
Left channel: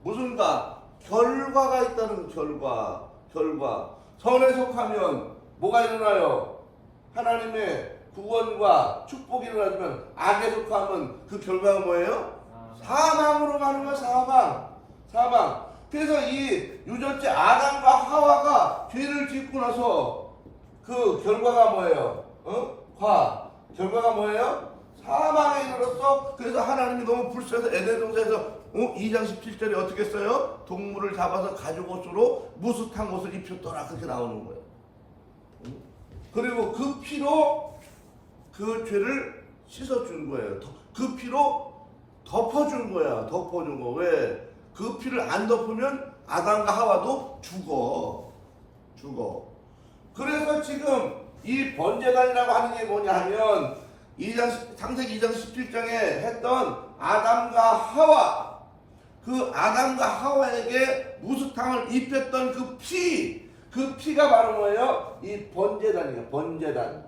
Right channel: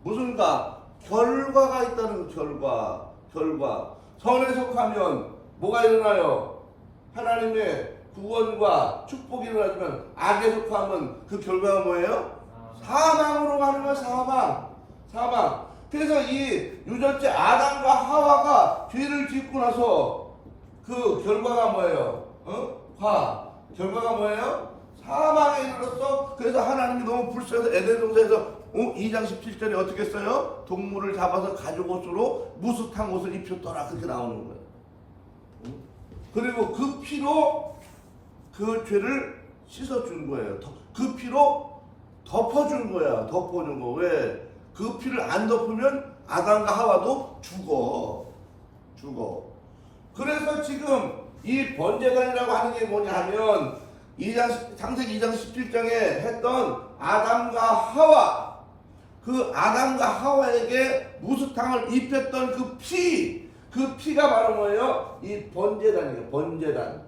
무슨 과? 결과가 있다는 결과. 선에 속하면 뭐가 일어나요? 하나님의 구원과 축복이 일어나지만 악에 속하면 그 결과가 뭐예요? 사망으로 가는 거예요. 사망. 그래서 이 유전체 아담과 하와가 죄를 짓고 나서 그 결과가 뭐예요? 결과가 뭐예요? 사망에 이르렀어. 그래서 하나님이 너무 불쌍해서 에덴 동산에서 2장 17절에 어떻게 써요? 동물을 잡아서 가죽 옷으로 무스탕 옷을 입혔더라. 그렇게 나오는 거예요. 그리고 그 피로 그 죄를 씻어준 거예요. 그 피로 덮어준 거야. 덮어준 거. 왜? 그 피를 안 덮으면 아담과 하와도 죽어. 그래서 지금 이 번제단이라고 하는 게 뭐냐 하면 창세기 2장 17장에 했던 아담과 하와, 그 아담과 하와에게 무스탕을 입혔던 그 피가 바로 뭐예요? 이 번제단이에요. 번제단.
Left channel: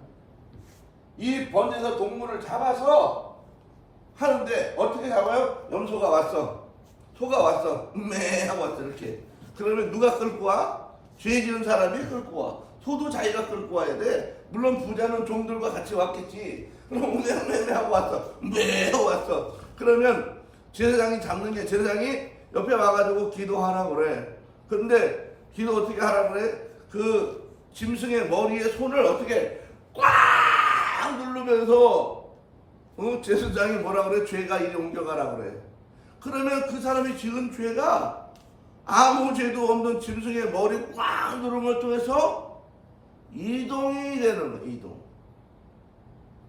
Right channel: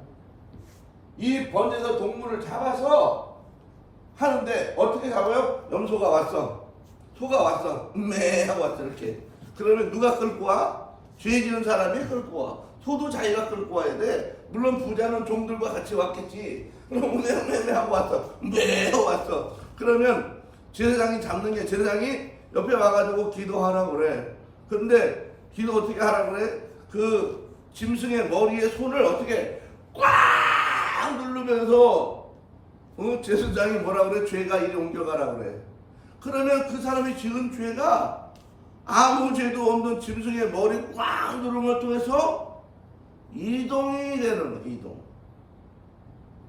이 번제에서 동물을 잡아서 하는데 어떻게 잡아요? 염소가 왔어. 소가 왔어. 매 하고 왔어 이렇게. 그러면 누가 끌고 와? 죄 지은 사람이 끌고 와. 소도 자기가 끌고 와야 돼. 물론 부자는 종들과 같이 왔겠지. 그럼 매 하고 왔어. 매 하고 왔어. 그러면 제사장이 잡는 게 제사장이 옆에 와가지고 기도하라고 그래. 그런데 기도 어떻게 하라고 그래? 그 짐승의 머리에 손을 어떻게 꽉 누르면서 제사장이 뭐라 그래? 죄가 이리 옮겨가라 그래. 그러면 그 사람이 지은 죄가 아무 죄도 없는 짐승의 머리 꽉 누르는 걸 통해서 이동이 되는 거야. 이동.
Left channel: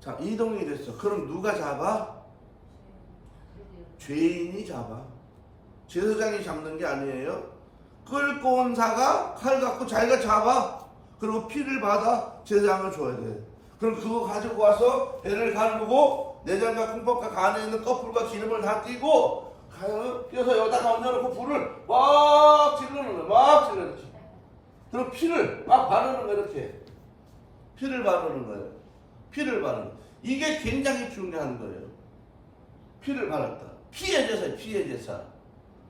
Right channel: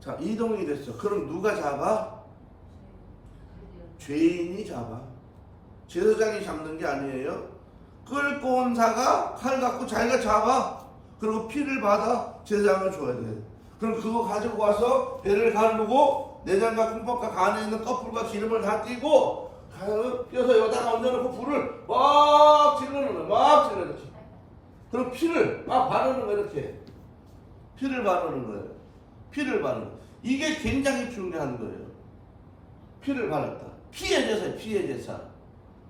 자, 이동이 됐어. 그럼 누가 잡아? 죄인이 잡아. 제사장이 잡는 게 아니에요. 끌고 온 사가 칼 갖고 자기가 잡아. 그리고 피를 받아 제사장을 줘야 돼. 그럼 그거 가지고 와서 배를 가르고 내장과 콩팥과 간에 있는 껍질과 기름을 다 띄고 띄어서 여기다가 얹어놓고 불을 막 질러놓는 거야. 막 질러놓는 거야. 그럼 피를 막 바르는 거야. 이렇게 피를 바르는 거예요. 피를 바르는 거예요. 이게 굉장히 중요한 거예요. 피를 바랐다. 피의 제사예요. 피의 제사.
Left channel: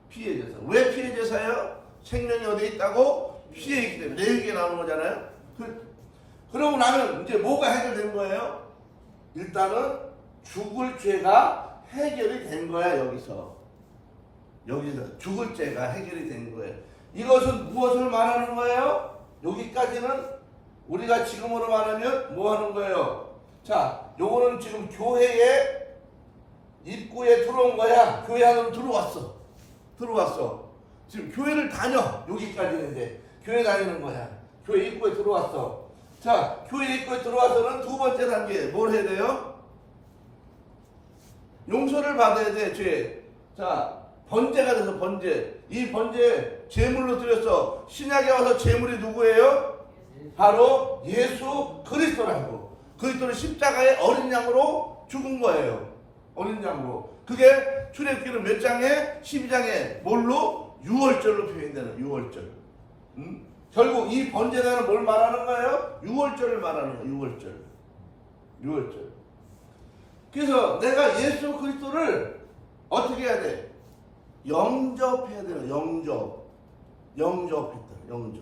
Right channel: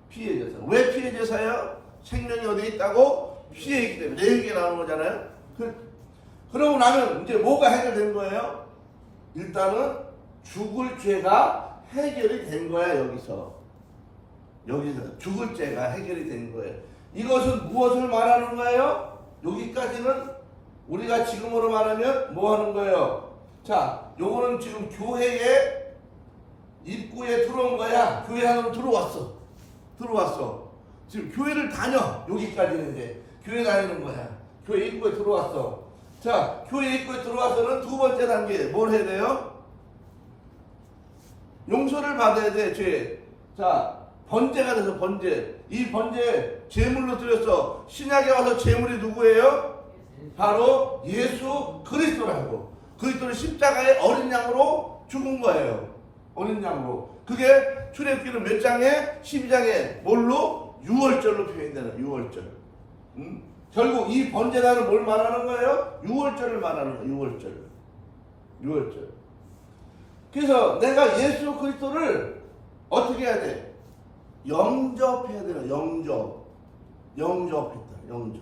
피의 제사. 왜 피의 제사예요? 생명이 어디에 있다고? 피에 있기 때문에. 내 얘기가 나오는 거잖아요. 그러고 나면 이제 뭐가 해결된 거예요? 일단은 죽을 죄가 해결이 된 거야. 여기서 죽을 죄가 해결이 된 거예요. 이것은 무엇을 말하는 거예요? 여기까지는 우리가 지금으로 말하면 뭐 하는 거예요? 자, 요거는 지금 교회에 입구에 들어온 거야. 교회 안으로 들어왔어. 지금 교회를 다녀. 여기까지는 이제 교회 다니는 거야. 교회 입구에 들어왔어. 자, 교회 입구에 들어와서는 두 번째 단계 뭘 해야 돼요? 용서를 받아야 돼. 죄. 자, 번제가 돼서 번제. 이 번제 제물로 드렸어. 신약에 와서 제물이 누구예요? 바로 예수 그리스도라고. 그리스도는 십자가의 어린 양으로 죽은 거예요. 어린 양으로. 그게 출애굽기는 몇 장에? 12장에 뭘로? 유월절로 표현되는 유월절. 결국 이 번제라는 뭘 말하는 거예요? 유월절을 말하는 거예요. 유월절. 그래서 내가 예수 그리스도를 어떻게 해야 돼? 영접해야 돼요. 영접했다. 영접.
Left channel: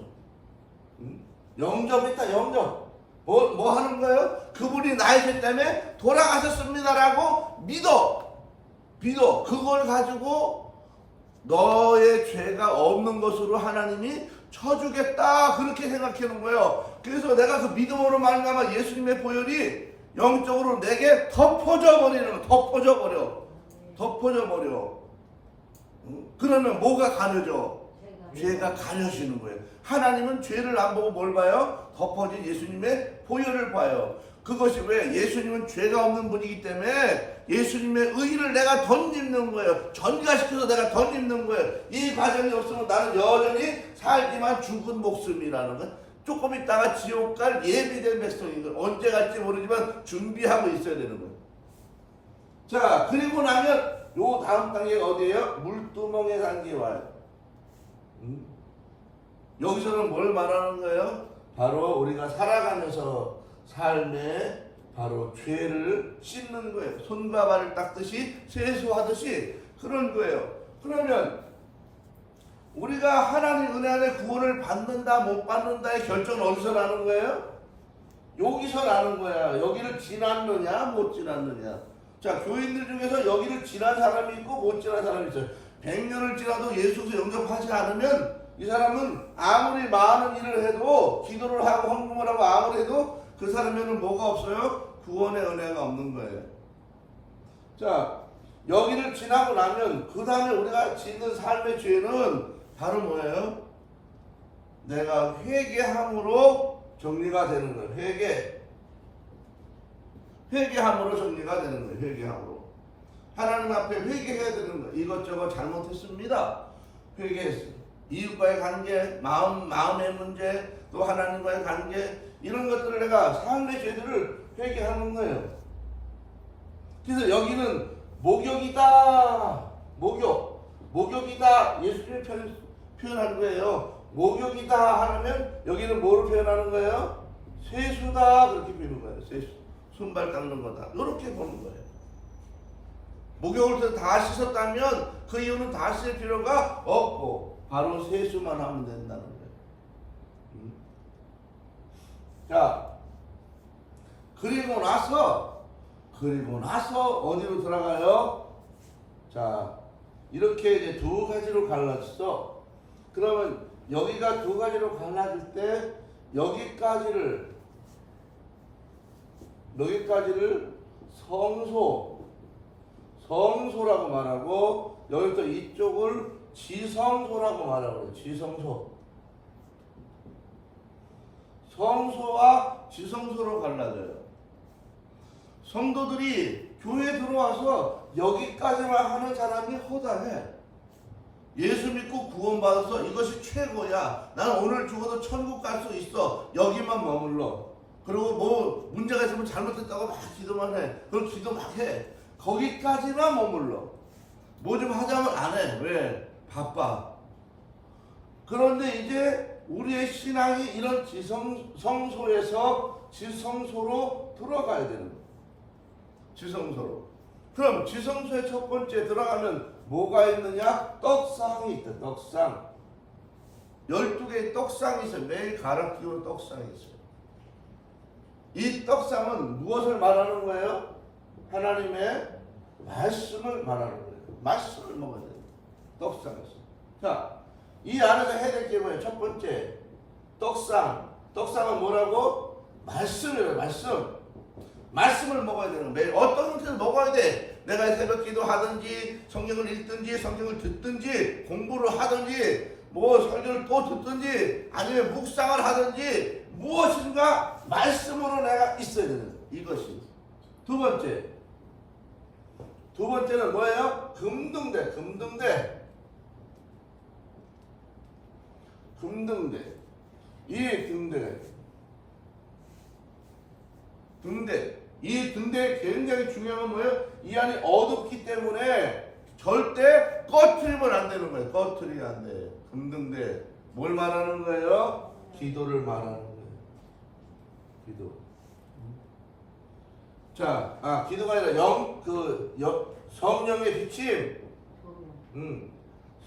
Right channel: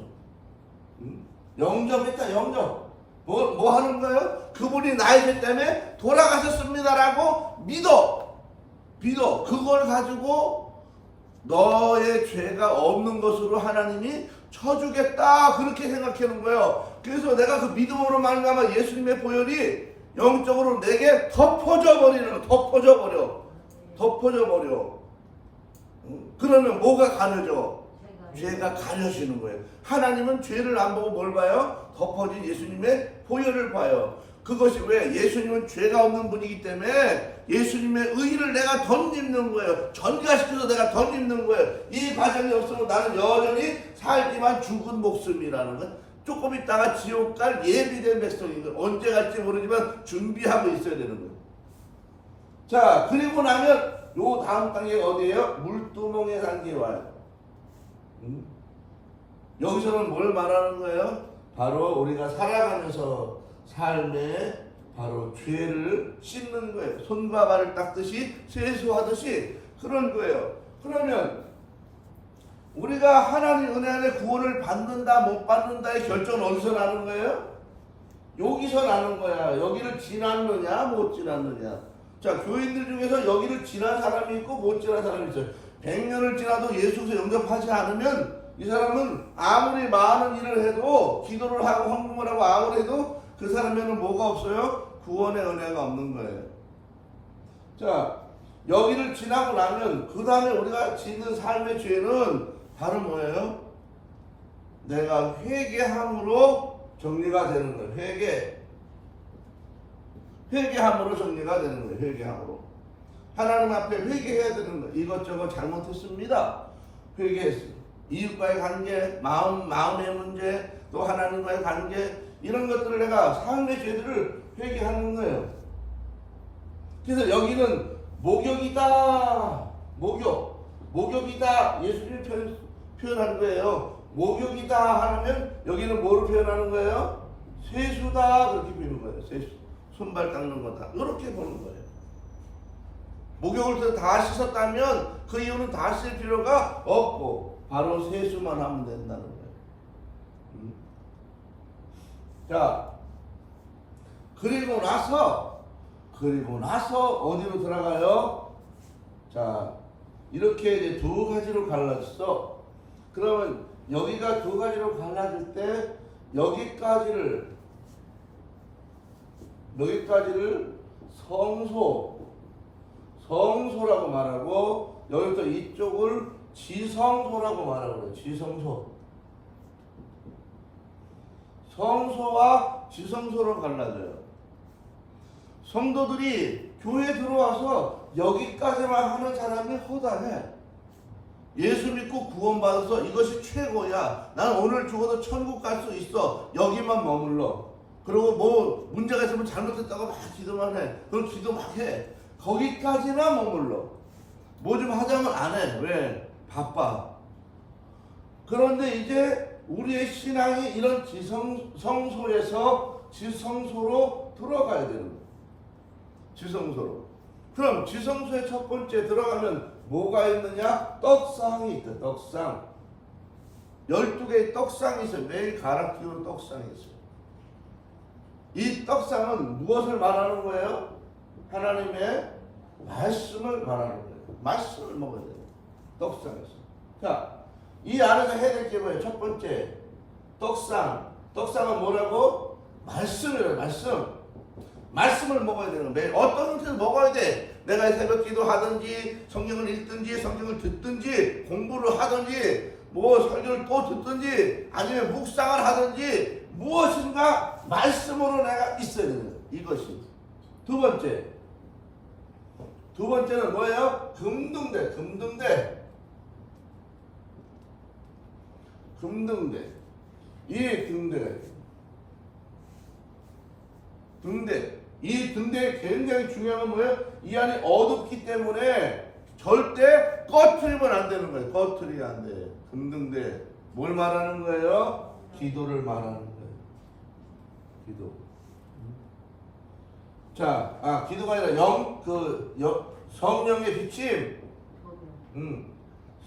뭐 하는 거예요? 그분이 나의 죄 때문에 돌아가셨습니다라고 믿어. 그걸 가지고 너의 죄가 없는 것으로 하나님이 쳐주겠다. 그렇게 생각하는 거예요. 그래서 내가 그 믿음으로 말미암아 예수님의 보혈이 영적으로 내게 덮어져 버려. 그러면 뭐가 가려져? 죄가 가려지는 거예요. 하나님은 죄를 안 보고 뭘 봐요? 덮어진 예수님의 보혈을 봐요. 그것이 왜? 예수님은 죄가 없는 분이기 때문에 예수님의 의를 내가 덧입는 거예요. 전가시켜서 내가 덧입는 거예요. 이 과정이 없으면 나는 여전히 살지만 죽은 목숨이라는 건 조금 있다가 지옥 갈 예비된 백성인 거예요. 언제 갈지 모르지만 준비하고 있어야 되는 거예요. 자, 그리고 나면 요 다음 단계가 어디예요? 물두멍의 단계에 와요. 여기서는 뭘 말하는 거예요? 바로 우리가 살아가면서 삶에 바로 죄를 씻는 거예요. 손과 발을 닦듯이 세수하듯이 그런 거예요. 그러면 우리가 하나님 은혜 안에 구원을 받는다 못 받는다의 결정은 어디서 나는 거예요? 여기서 나는 거야. 여기를 지났느냐 못 지났느냐. 자, 교인들 중에서 여기를 지난 사람이 있고 못 지난 사람이 있어요. 100년을 지나도 예수에서 영접하지 않으면 이 사람은 아무리 많은 일을 해도 기도를 하고 헌금을 하고 아무리 해도 그 사람에는 뭐가 없어요? 구원의 은혜가 없는 거예요. 자, 여기를 지나고 나면 그 다음에 우리가 짓는 삶의 죄는 바로 뭐예요? 내가 회개함으로 정리가 되는 거예요. 회개함으로 정리가 되는 거예요. 회개함으로. 하나님 앞에 회개해야 되는 거예요. 이것저것 잘못했습니다. 회개했어요. 이웃과의 관계, 마음의 문제, 또 하나님과의 관계, 이런 것들을 내가 삶의 죄들을 회개하는 거예요. 그래서 여기는 목욕이다. 목욕이다. 예수님이 표현한 거예요. 목욕이다 하면 여기는 뭐를 표현하는 거예요? 세수다. 그렇게 표현하는 거예요. 손발 닦는 거다. 이렇게 보는 거예요. 목욕을 다 씻었다면 그 이유는 다 씻을 필요가 없고 바로 세수만 하면 된다는 거예요. 자, 그리고 나서 어디로 들어가요? 자, 이렇게 이제 두 가지로 갈라졌어. 그러면 여기가 두 가지로 갈라질 때 여기까지를 성소라고 말하고 여기부터 이쪽을 지성소라고 말하고 지성소. 성소와 지성소로 갈라져요. 성도들이 교회에 들어와서 여기까지만 하는 사람이 허다해. 예수 믿고 구원받아서 이것이 최고야. 난 오늘 죽어도 천국 갈 수 있어. 여기만 머물러. 그리고 뭐 문제가 있으면 잘못했다고 막 기도만 해. 그럼 기도 막 해. 거기까지만 머물러. 뭐 좀 하자면 안 해. 왜? 바빠. 그런데 이제 우리의 신앙이 이런 성소에서 지성소로 들어가야 되는 거예요. 지성소로. 그럼 지성소의 첫 번째 들어가면 뭐가 있느냐? 떡상이 있다. 떡상. 12개의 떡상이 있어요. 매일 갈아 끼우는 떡상이 있어요. 이 떡상은 무엇을 말하는 거예요? 하나님의 말씀을 말하는 거예요. 말씀을 먹어야 돼요. 떡상에서. 자, 이 안에서 해야 될 게 뭐예요? 첫 번째, 떡상. 떡상은 뭐라고? 말씀이에요. 말씀을 먹어야 되는 거예요. 매일 어떤 형태를 먹어야 돼? 내가 새벽 기도 하든지 성경을 읽든지 성경을 듣든지 공부를 하든지 뭐 설교를 또 듣든지 아니면 묵상을 하든지 무엇인가 말씀으로 내가 있어야 되는 거예요. 이것이 두 번째는 뭐예요? 금등대. 이 등대. 이 등대의 굉장히 중요한 건 뭐예요? 이 안이 어둡기 때문에 절대 꺼트리면 안 되는 거예요. 꺼트리면 안 돼. 금등대. 뭘 말하는 거예요? 기도를 말하는 거예요. 기도. 자, 기도가 아니라 성령의 비침.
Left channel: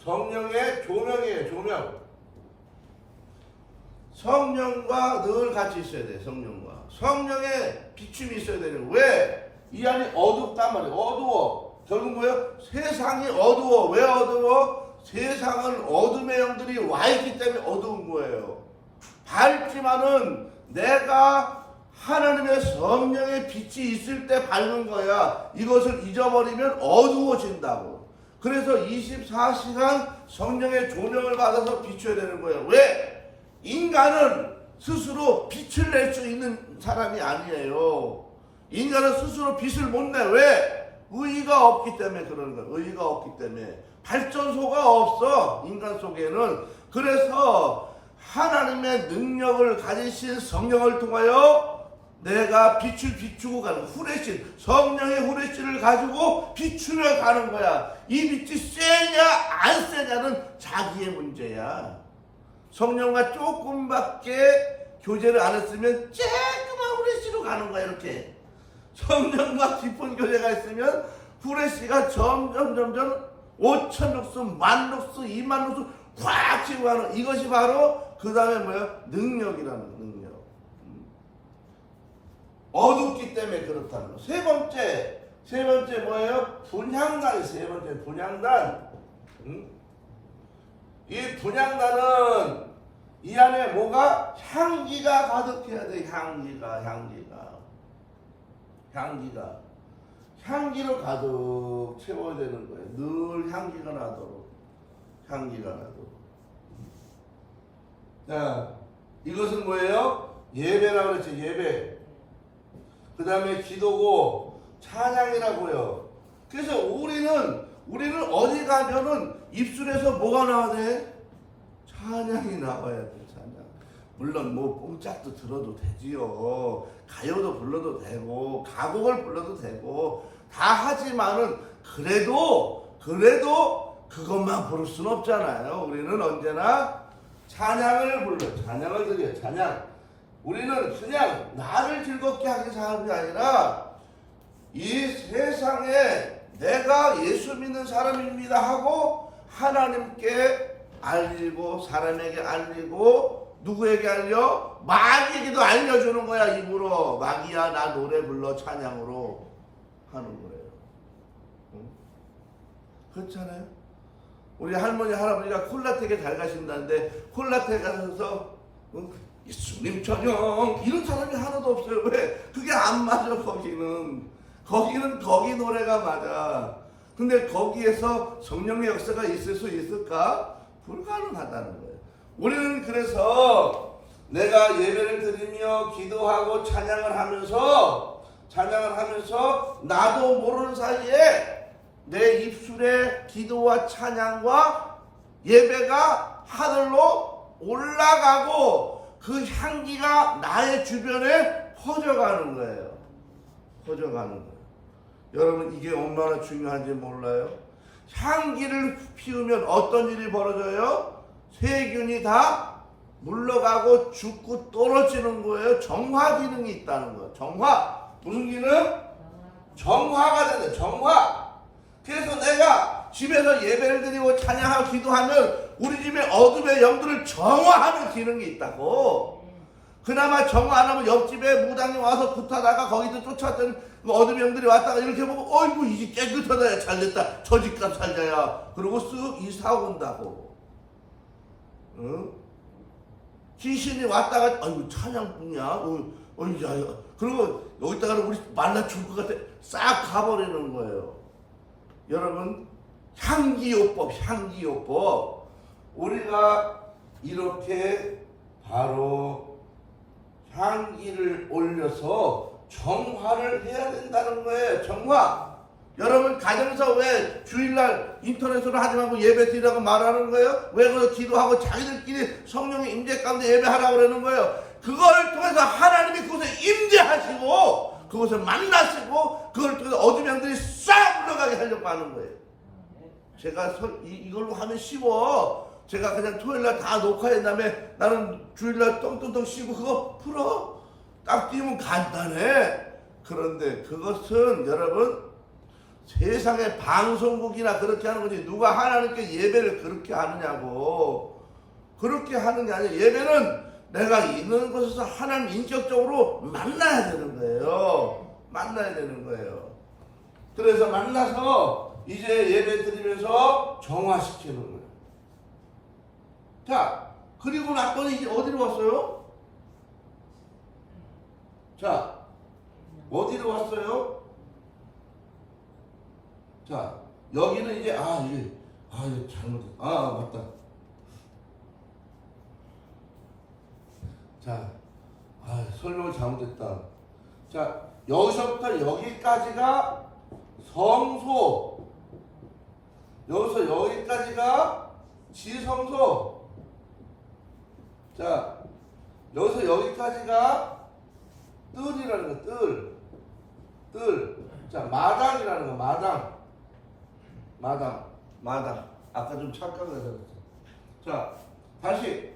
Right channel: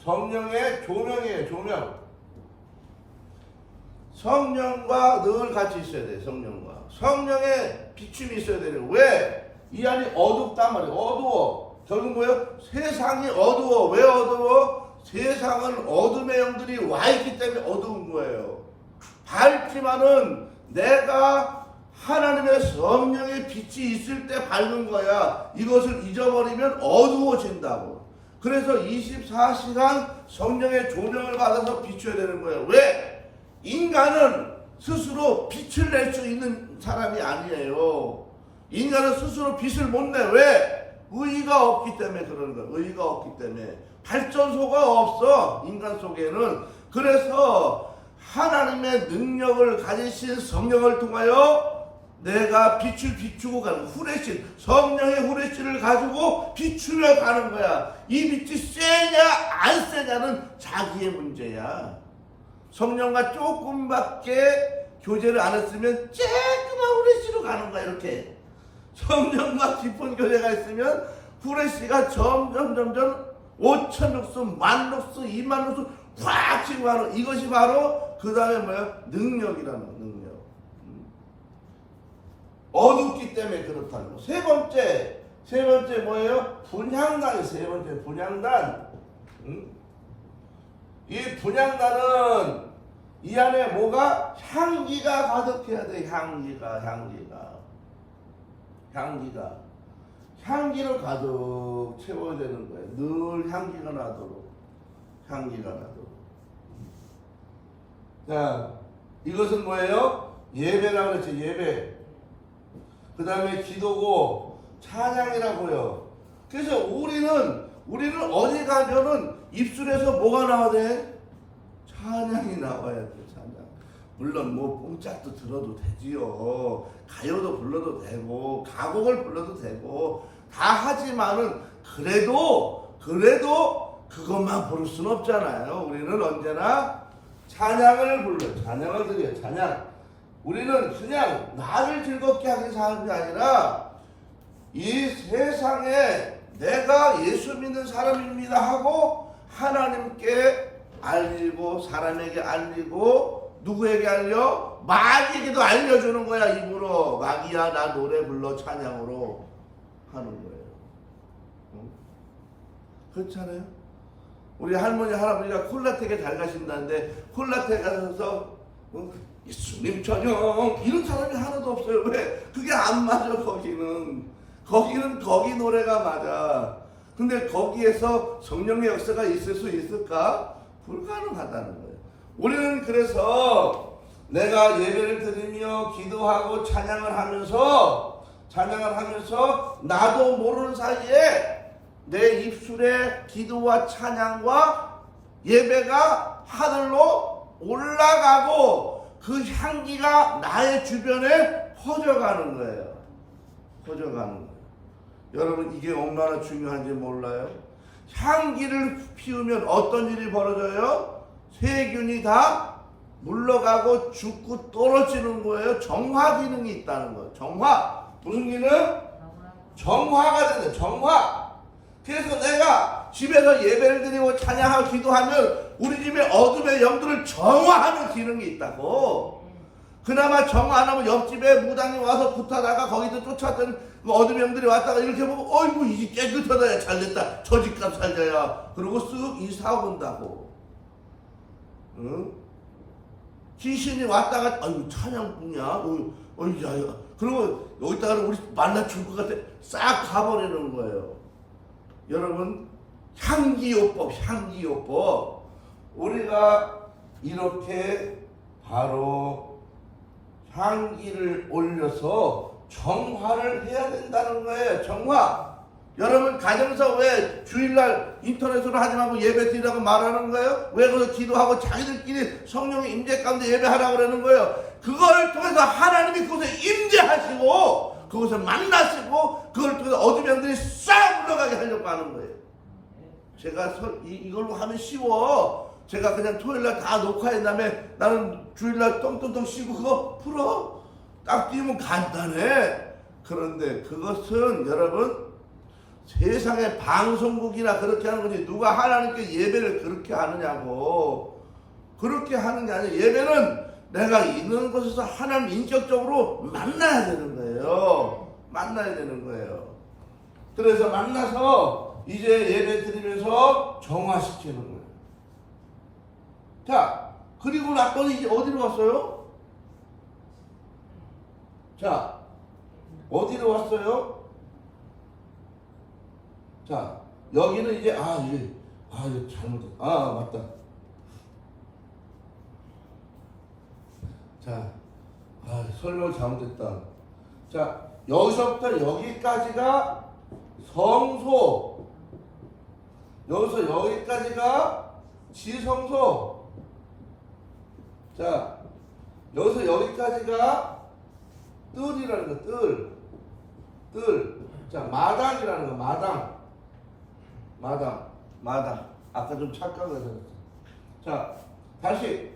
성령의 조명이에요. 조명. 성령과 늘 같이 있어야 돼. 성령의 비춤이 있어야 돼요. 왜? 이 안이 어둡단 말이에요. 어두워. 결국 뭐예요? 세상이 어두워. 왜 어두워? 세상은 어둠의 영들이 와 있기 때문에 어두운 거예요. 밝지만은 내가 하나님의 성령의 빛이 있을 때 밝은 거야. 이것을 잊어버리면 어두워진다고. 그래서 24시간 성령의 조명을 받아서 비춰야 되는 거예요. 왜? 인간은 스스로 빛을 낼 수 있는 사람이 아니에요. 인간은 스스로 빛을 못 내. 왜? 의의가 없기 때문에 그러는 거예요. 의의가 없기 때문에. 발전소가 없어. 인간 속에는. 그래서 하나님의 능력을 가지신 성령을 통하여 내가 빛을 비추고 가는 후레신, 성령의 후레신을 가지고 비추려 가는 거야. 이 빛이 세냐 안 세냐는 자기의 문제야. 성령과 조금밖에 교제를 안 했으면 쬐끄만 후레쉬로 가는 거야. 이렇게 성령과 깊은 교제가 있으면 후레쉬가 점점 5천 룩스, 1만 룩스, 2만 룩스 확 치고 가는, 이것이 바로 그 다음에 뭐야? 능력이라는 거. 능력. 어둡기 때문에 그렇다는 거. 세 번째 뭐예요? 분향단이 세 번째. 분향단. 이 분향단은 이 안에 뭐가? 향기가 가득해야 돼. 향기로 가득 채워야 되는 거예요. 늘 향기가 나도록. 자, 이것은 뭐예요? 예배라고 그랬죠. 예배. 그 다음에 기도고 찬양이라고요. 그래서 우리는 어디 가면은 입술에서 뭐가 나와야 돼? 찬양이 나와야 돼. 찬양. 물론 뭐 뽕짝도 들어도 되지요. 가요도 불러도 되고 가곡을 불러도 되고 다 하지만은 그래도 그것만 부를 수는 없잖아요. 우리는 언제나 찬양을 불러요. 찬양을 드려요. 찬양. 우리는 그냥 나를 즐겁게 하기 사는 게 아니라 이 세상에 내가 예수 믿는 사람입니다 하고 하나님께 알리고 사람에게 알리고 누구에게 알려? 마귀에게도 알려주는 거야. 입으로 마귀야 나 노래 불러 찬양으로 하는 거예요. 응? 그렇잖아요. 우리 할머니 할아버지가 콜라텍에 잘 가신다는데 콜라텍 가셔서 예수님 전용 이런 사람이 하나도 없어요. 왜? 그게 안 맞아. 거기는 거기 노래가 맞아. 근데 거기에서 성령의 역사가 있을 수 있을까? 불가능하다는 거예요. 우리는 그래서 내가 예배를 드리며 기도하고 찬양을 하면서 나도 모르는 사이에 내 입술에 기도와 찬양과 예배가 하늘로 올라가고 그 향기가 나의 주변에 퍼져가는 거예요. 여러분 이게 얼마나 중요한지 몰라요? 향기를 피우면 어떤 일이 벌어져요? 세균이 다 물러가고 죽고 떨어지는 거예요. 정화 기능이 있다는 거예요. 정화. 무슨 기능? 정화가 된다. 정화. 그래서 내가 집에서 예배를 드리고 찬양하고 기도하면 우리 집에 어둠의 영들을 정화하는 기능이 있다고. 그나마 정화 안 하면 옆집에 무당이 와서 굿하다가 거기서 쫓아왔더니 어둠의 영들이 왔다가 이렇게 보면 어이구 이 집 깨끗하다. 잘됐다. 저 집값 살자야. 그러고 쓱 이사 온다고. 응? 귀신이 왔다가 아이고 찬양뿐이야. 어이야. 그리고 여기다가 우리 말라 죽을 것 같아. 싹 가버리는 거예요. 여러분 향기요법. 우리가 이렇게 바로 향기를 올려서 정화를 해야 된다는 거예요. 정화. 여러분 가정에서 왜 주일날 인터넷으로 하지 말고 예배 드리라고 말하는 거예요? 왜 그래서 기도하고 자기들끼리 성령의 임재 가운데 예배하라고 그러는 거예요? 그걸 통해서 하나님이 그것을 임재하시고 그것을 만나시고 그걸 통해서 어둠의 영들이 싹 물러가게 하려고 하는 거예요. 제가 이걸로 하면 쉬워. 제가 그냥 토요일날 다 녹화한 다음에 나는 주일날 똥똥똥 쉬고 그거 풀어. 딱 띄우면 간단해. 그런데 그것은 여러분 세상의 방송국이나 그렇게 하는 거지 누가 하나님께 예배를 그렇게 하느냐고. 그렇게 하는 게 아니라 예배는 내가 있는 곳에서 하나님 인격적으로 만나야 되는 거예요. 그래서 만나서 이제 예배 드리면서 정화시키는 거예요. 자, 그리고 나서는 이제 어디로 왔어요? 자, 어디로 왔어요? 자, 여기는 이제 이거 잘못했다. 맞다. 자, 설명을 잘못했다. 자, 여기서부터 여기까지가 성소. 여기서 여기까지가 지성소. 자, 여기서 여기까지가 뜰이라는 거, 뜰. 자, 마당이라는 거, 마당. 아까 좀 착각을 했어요. 자, 다시.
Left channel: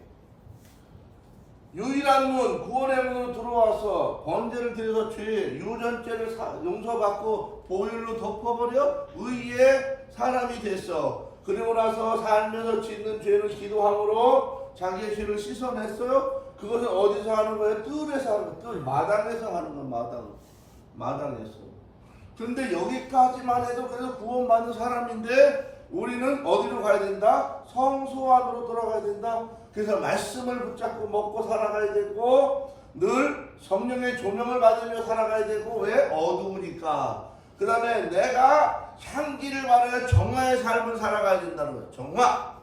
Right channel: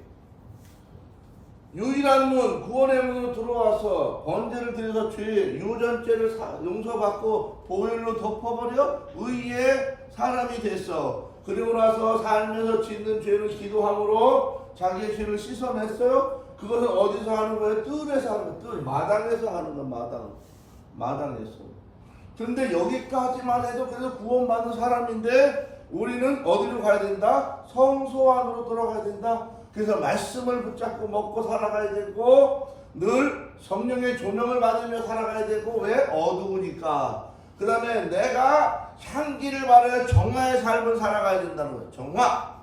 유일한 문, 구원의 문으로 들어와서 번제를 드려서 죄, 유전죄를 용서받고 보혈로 덮어버려 의의 사람이 됐어. 그리고 나서 살면서 짓는 죄는 기도함으로 자기의 죄를 씻어냈어요. 그것은 어디서 하는 거예요? 뜰에서 하는 거예요. 뜰, 마당에서 하는 거예요. 마당에서. 그런데 여기까지만 해도 그래서 구원받은 사람인데 우리는 어디로 가야 된다? 성소 안으로 들어가야 된다. 그래서 말씀을 붙잡고 먹고 살아가야 되고 늘 성령의 조명을 받으며 살아가야 되고 왜? 어두우니까. 그 다음에 내가 향기를 바라야 정화의 삶을 살아가야 된다는 거예요. 정화.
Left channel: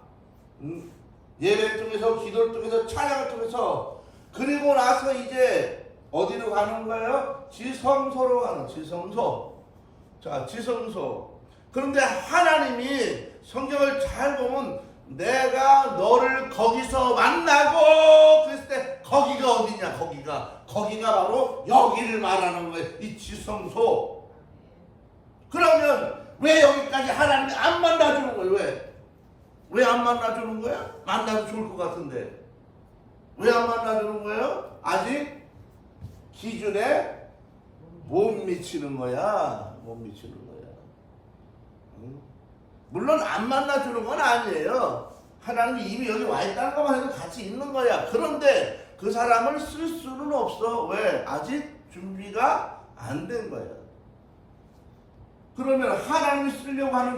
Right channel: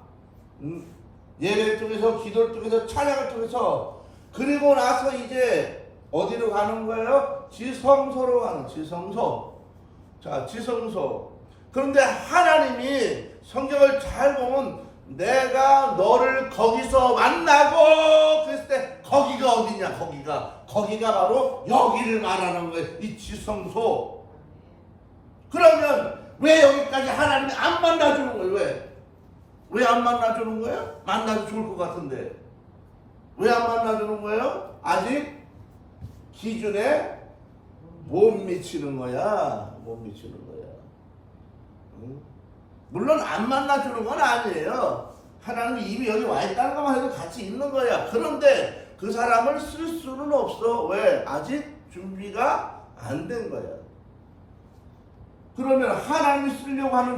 예배 통해서 기도를 통해서 찬양을 통해서. 그리고 나서 이제 어디로 가는 거예요? 지성소로 가는 지성소. 자, 지성소. 그런데 하나님이 성경을 잘 보면 내가 너를 거기서 만나고 그랬을 때 거기가 어디냐? 거기가 바로 여기를 말하는 거예요. 이 지성소. 그러면 왜 여기까지 하나님이 안 만나주는 거예요? 왜 안 만나주는 거야? 만나도 좋을 것 같은데. 왜 안 만나주는 거예요? 아직 기준에 못 미치는 거야. 못 미치는 거야. 응? 물론 안 만나주는 건 아니에요. 하나님이 이미 여기 와 있다는 것만 해도 같이 있는 거야. 그런데 그 사람을 쓸 수는 없어. 왜? 아직 준비가 안 된 거야. 그러면 하나님이 쓰려고 하는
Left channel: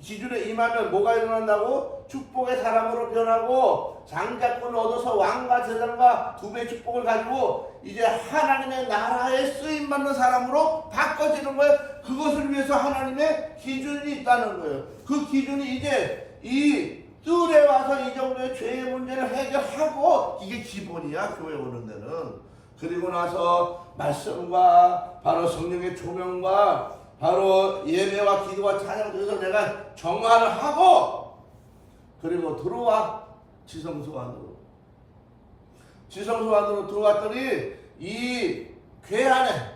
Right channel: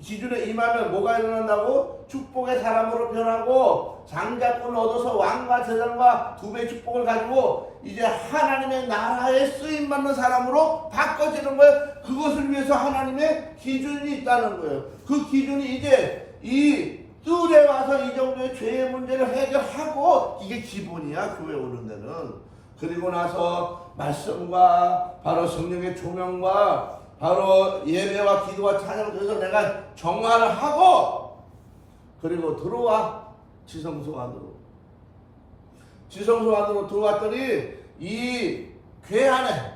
기준에 임하면 뭐가 일어난다고? 축복의 사람으로 변하고 장자권을 얻어서 왕과 제장과 두 배의 축복을 가지고 이제 하나님의 나라에 쓰임받는 사람으로 바꿔지는 거예요. 그것을 위해서 하나님의 기준이 있다는 거예요. 그 기준이 이제 이 뜰에 와서 이 정도의 죄의 문제를 해결하고, 이게 기본이야, 교회 오는 데는. 그리고 나서 말씀과 바로 성령의 조명과 바로 예배와 기도와 찬양을 통해서 내가 정화를 하고, 그리고 들어와 지성소 안으로. 지성소 안으로 들어왔더니 이 궤 안에,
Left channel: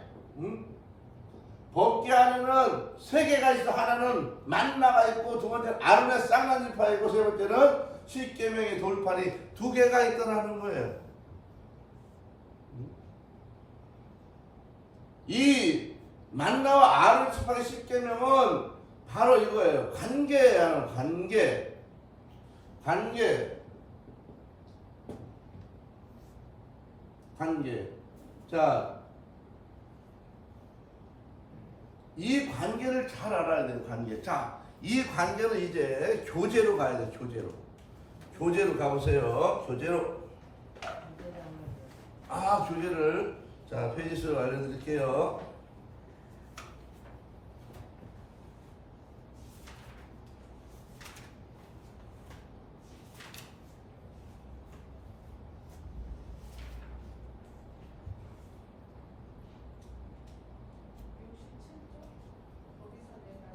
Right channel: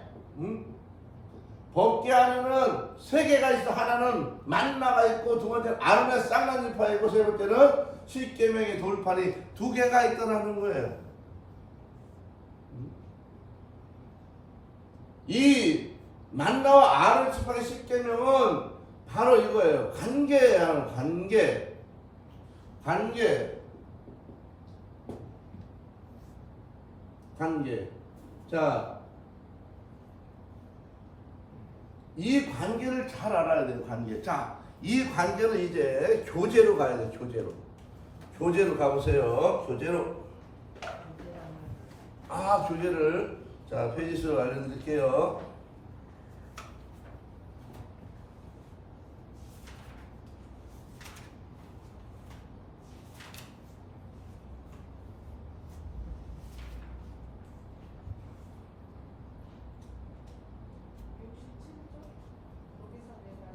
법궤 안에는 세 개가 있어. 하나는 만나가 있고, 두 번째는 아론의 쌍난지파 있고, 세 번째는 십계명의 돌판이 두 개가 있더라는 거예요. 이 만나와 아론 지파의 십계명은 바로 이거예요. 관계예요. 관계. 자, 이 관계를 잘 알아야 돼요. 관계. 자, 이 관계는 이제 교제로 가야 돼요. 교제로 가보세요. 교제로. 교제를. 자, 페이지수 알려드릴게요.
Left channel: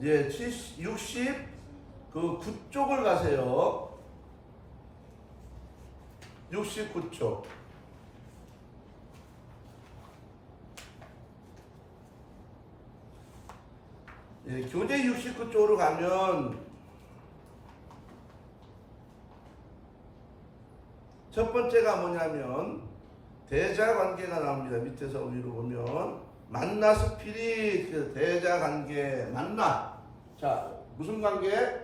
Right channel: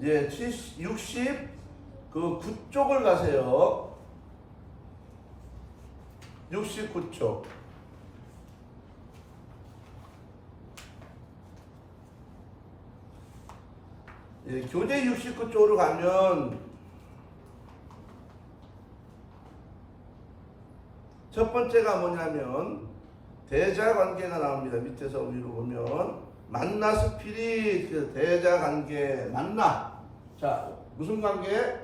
예, 69쪽을 가세요. 69쪽. 예, 교재 69쪽으로 가면 첫 번째가 뭐냐면 대자관계가 나옵니다. 밑에서 위로 보면 만나 스피릿, 대자관계, 만나. 자, 무슨 관계?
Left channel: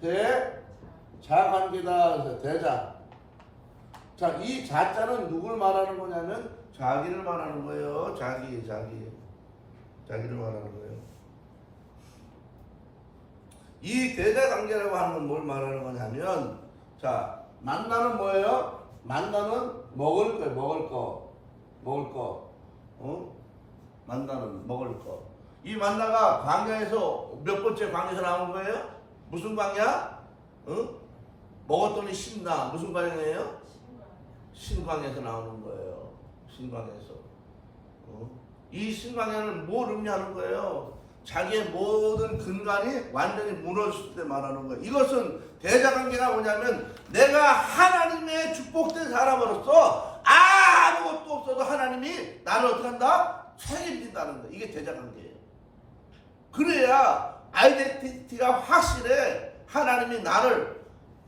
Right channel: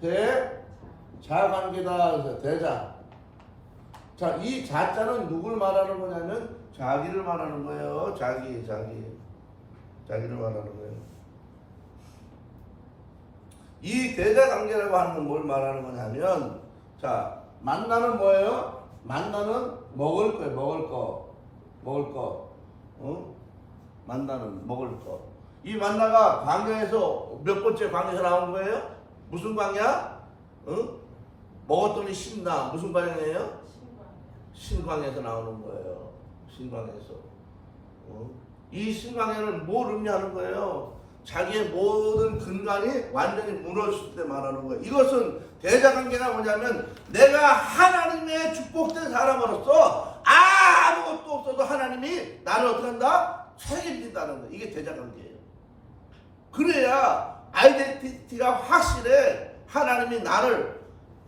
대자관계다. 그래서 대자. 자, 이 자자는 누굴 말하는 거냐면 자기를 말하는 거예요. 자기를 말하는 거예요. 이 대자관계라고 하는 건 뭘 말하는 거냐면, 자, 만나는 뭐예요? 만나는 먹을 거. 만나는 먹을 거. 이 만나가 광야에서 몇 번째 광야에서 나온 거예요? 무슨 광야? 먹었더니 신나. 무슨 광야예요? 신광야에서 나오는 거예요. 신광야에서. 이 신광야는 뭘 의미하는 거예요? 자기의 모든 근간이 완전히 무너졌을 때 말하는 거예요. 이것은 대자관계가 뭐냐면, 내가 하나님의 축복된 사람으로서 아무것도 없어도 하나님이 나를 어떻게 한다? 책임진다는 거예요. 이게 대자관계예요. 그래야 아이덴티티가 확실해. 하나님이 나를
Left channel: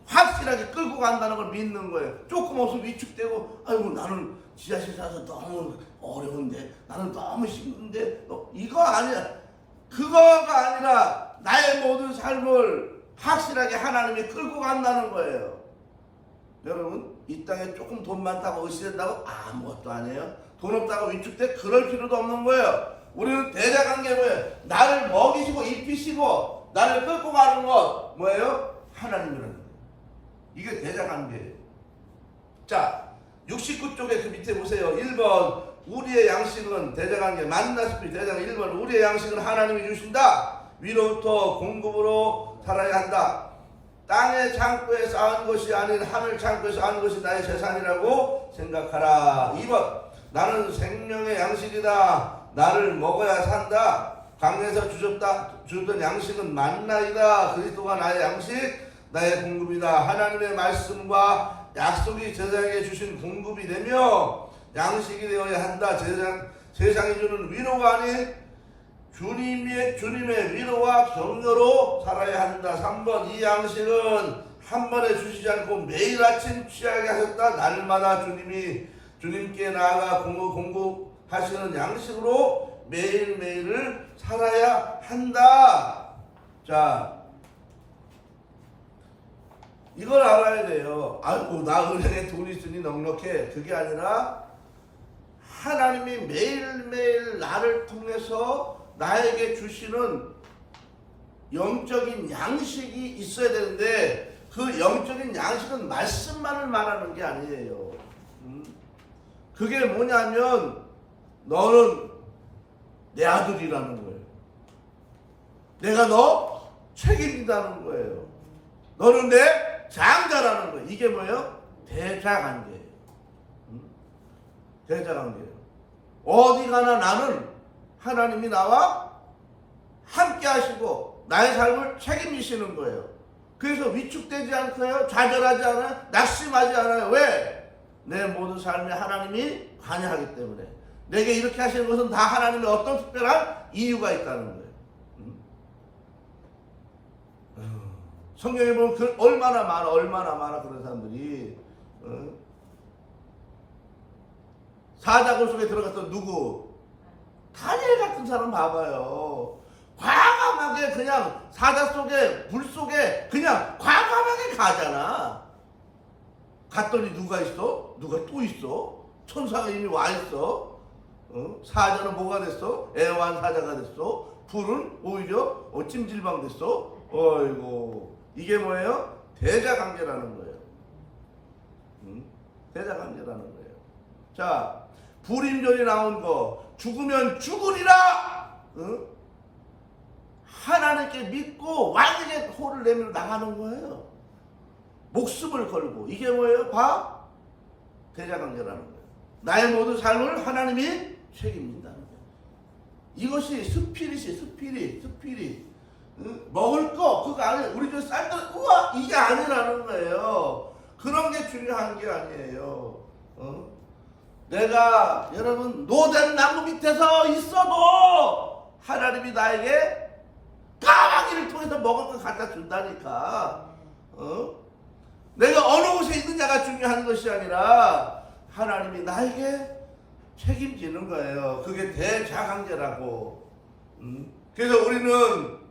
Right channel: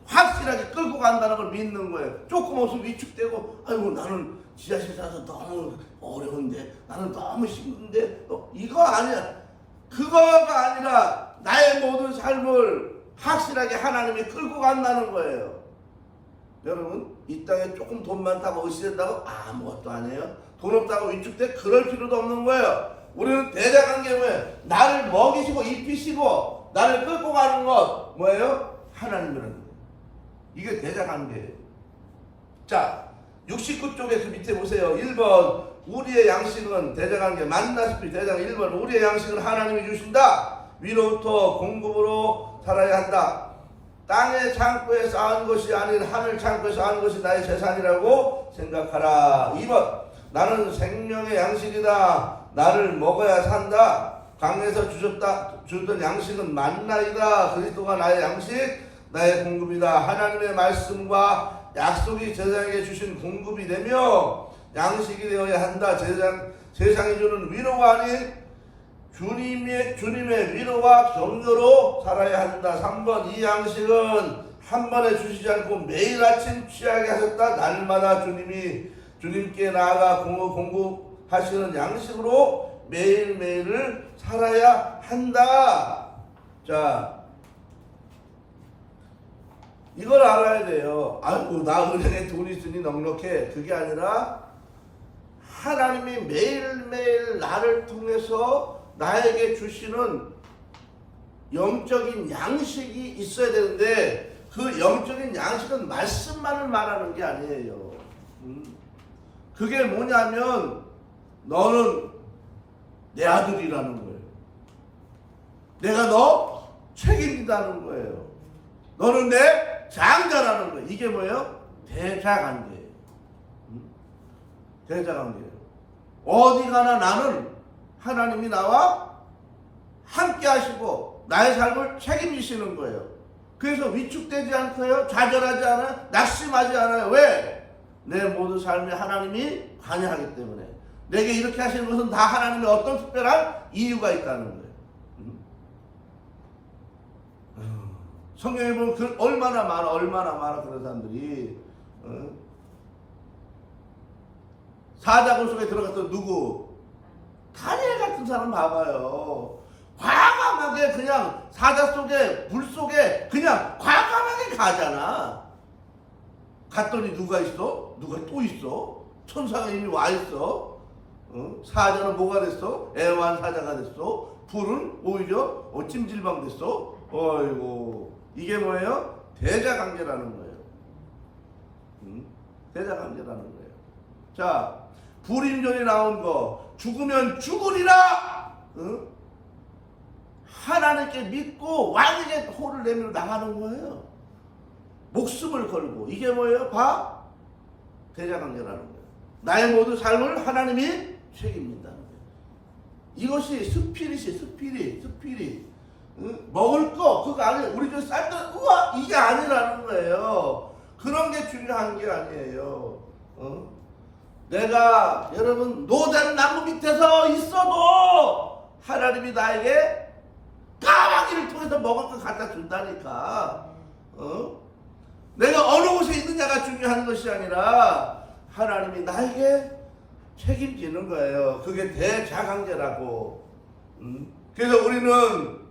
확실하게 끌고 간다는 걸 믿는 거예요. 조금 없으면 위축되고, 아이고 나는 지하실 사서 너무 어려운데, 나는 너무 힘든데, 이거 아니야. 그거가 아니라 나의 모든 삶을 확실하게 하나님이 끌고 간다는 거예요. 여러분, 이 땅에 조금 돈 많다고 의시된다고 아무것도 아니에요. 돈 없다고 위축돼? 그럴 필요도 없는 거예요. 우리는 대자관계 뭐예요? 나를 먹이시고 입히시고 나를 끌고 가는 것 뭐예요? 하나님이라는 거예요. 이게 대자관계예요. 자, 69쪽에 그 밑에 보세요. 1번 우리의 양식은 대자관계 만나스피 대장 1번 우리의 양식은 하나님이 주신다. 위로부터 공급으로 살아야 한다. 땅의 창고에 쌓은 것이 아닌 하늘 창고에 쌓은 것이 나의 재산이라고 생각하라. 2번 나는 생명의 양식이다. 나를 먹어야 산다. 강에서 주셨던 양식은 만나이다. 그리스도가 나의 양식, 나의 공급이다. 하나님의 말씀과 약속이 제사장에게 주신 공급이 되며 양식이 되어야 한다. 세상이 주는 위로가 아닌 주님의 위로와 격려로 살아야 한다. 3번 이 양식은 한 번에 주시지 않고 매일 아침 취하게 하셨다. 날마다 주님께 나아가 공급하시는 양식으로 매일매일을 살아야 한다. 자, 이걸 알아야 돼요. 아이고, 나 은행에 돈 있으니 넉넉해. 그게 아니라 하나님이 매일매일 나를 통해서 나에게 주시는 영적인 양식이 있어야 되는데, 그 영적인 양식은 말씀만을 말하는 게 아니에요. 그게 뭐냐면 너는 내 아들이라는 거예요. 내가 너 책임진다는 거예요. 너는 내 장자라는 거예요. 이게 뭐예요? 대자관계예요. 대자관계예요. 어디 가나 나는 하나님이 나와 함께 하시고 나의 삶을 책임지시는 거예요. 그래서 위축되지 않고요, 좌절하지 않아요, 낙심하지 않아요. 왜? 내 모든 삶에 하나님이 관여하기 때문에. 내게 이렇게 하시는 것은 다 하나님의 어떤 특별한 이유가 있다는 거예요. 성경에 보면 얼마나 많아 그런 사람들이. 사자굴 속에 들어갔던 누구? 다니엘 같은 사람 봐봐요. 과감하게 그냥 사자 속에, 불 속에 그냥 과감하게 가잖아. 갔더니 누가 있어? 누가 또 있어? 천사가 이미 와 있어. 사자는 뭐가 됐어? 애완 사자가 됐어. 불은 오히려 찜질방 됐어. 어이고, 이게 뭐예요? 대자관계라는 거예요. 대자관계라는 거예요. 자, 불임절이 나온 거, 죽으면 죽으리라. 하나님께 믿고 왕에게 호를 내밀어 나가는 거예요. 목숨을 걸고. 이게 뭐예요? 대자관계라는 거예요. 나의 모든 삶을 하나님이 책임진다는 거예요. 이것이 스피릿. 먹을 거 그거 아니에요. 우리 저 쌀들 우와 이게 아니라는 거예요. 그런 게 중요한 게 아니에요. 내가 여러분 노된 나무 밑에서 있어도 하나님이 나에게 까마귀를 통해서 먹을 거 갖다 준다니까. 내가 어느 곳에 있느냐가 중요한 것이 아니라 하나님이 나에게 책임지는 거예요. 그게 대자관계라고. 그래서 우리는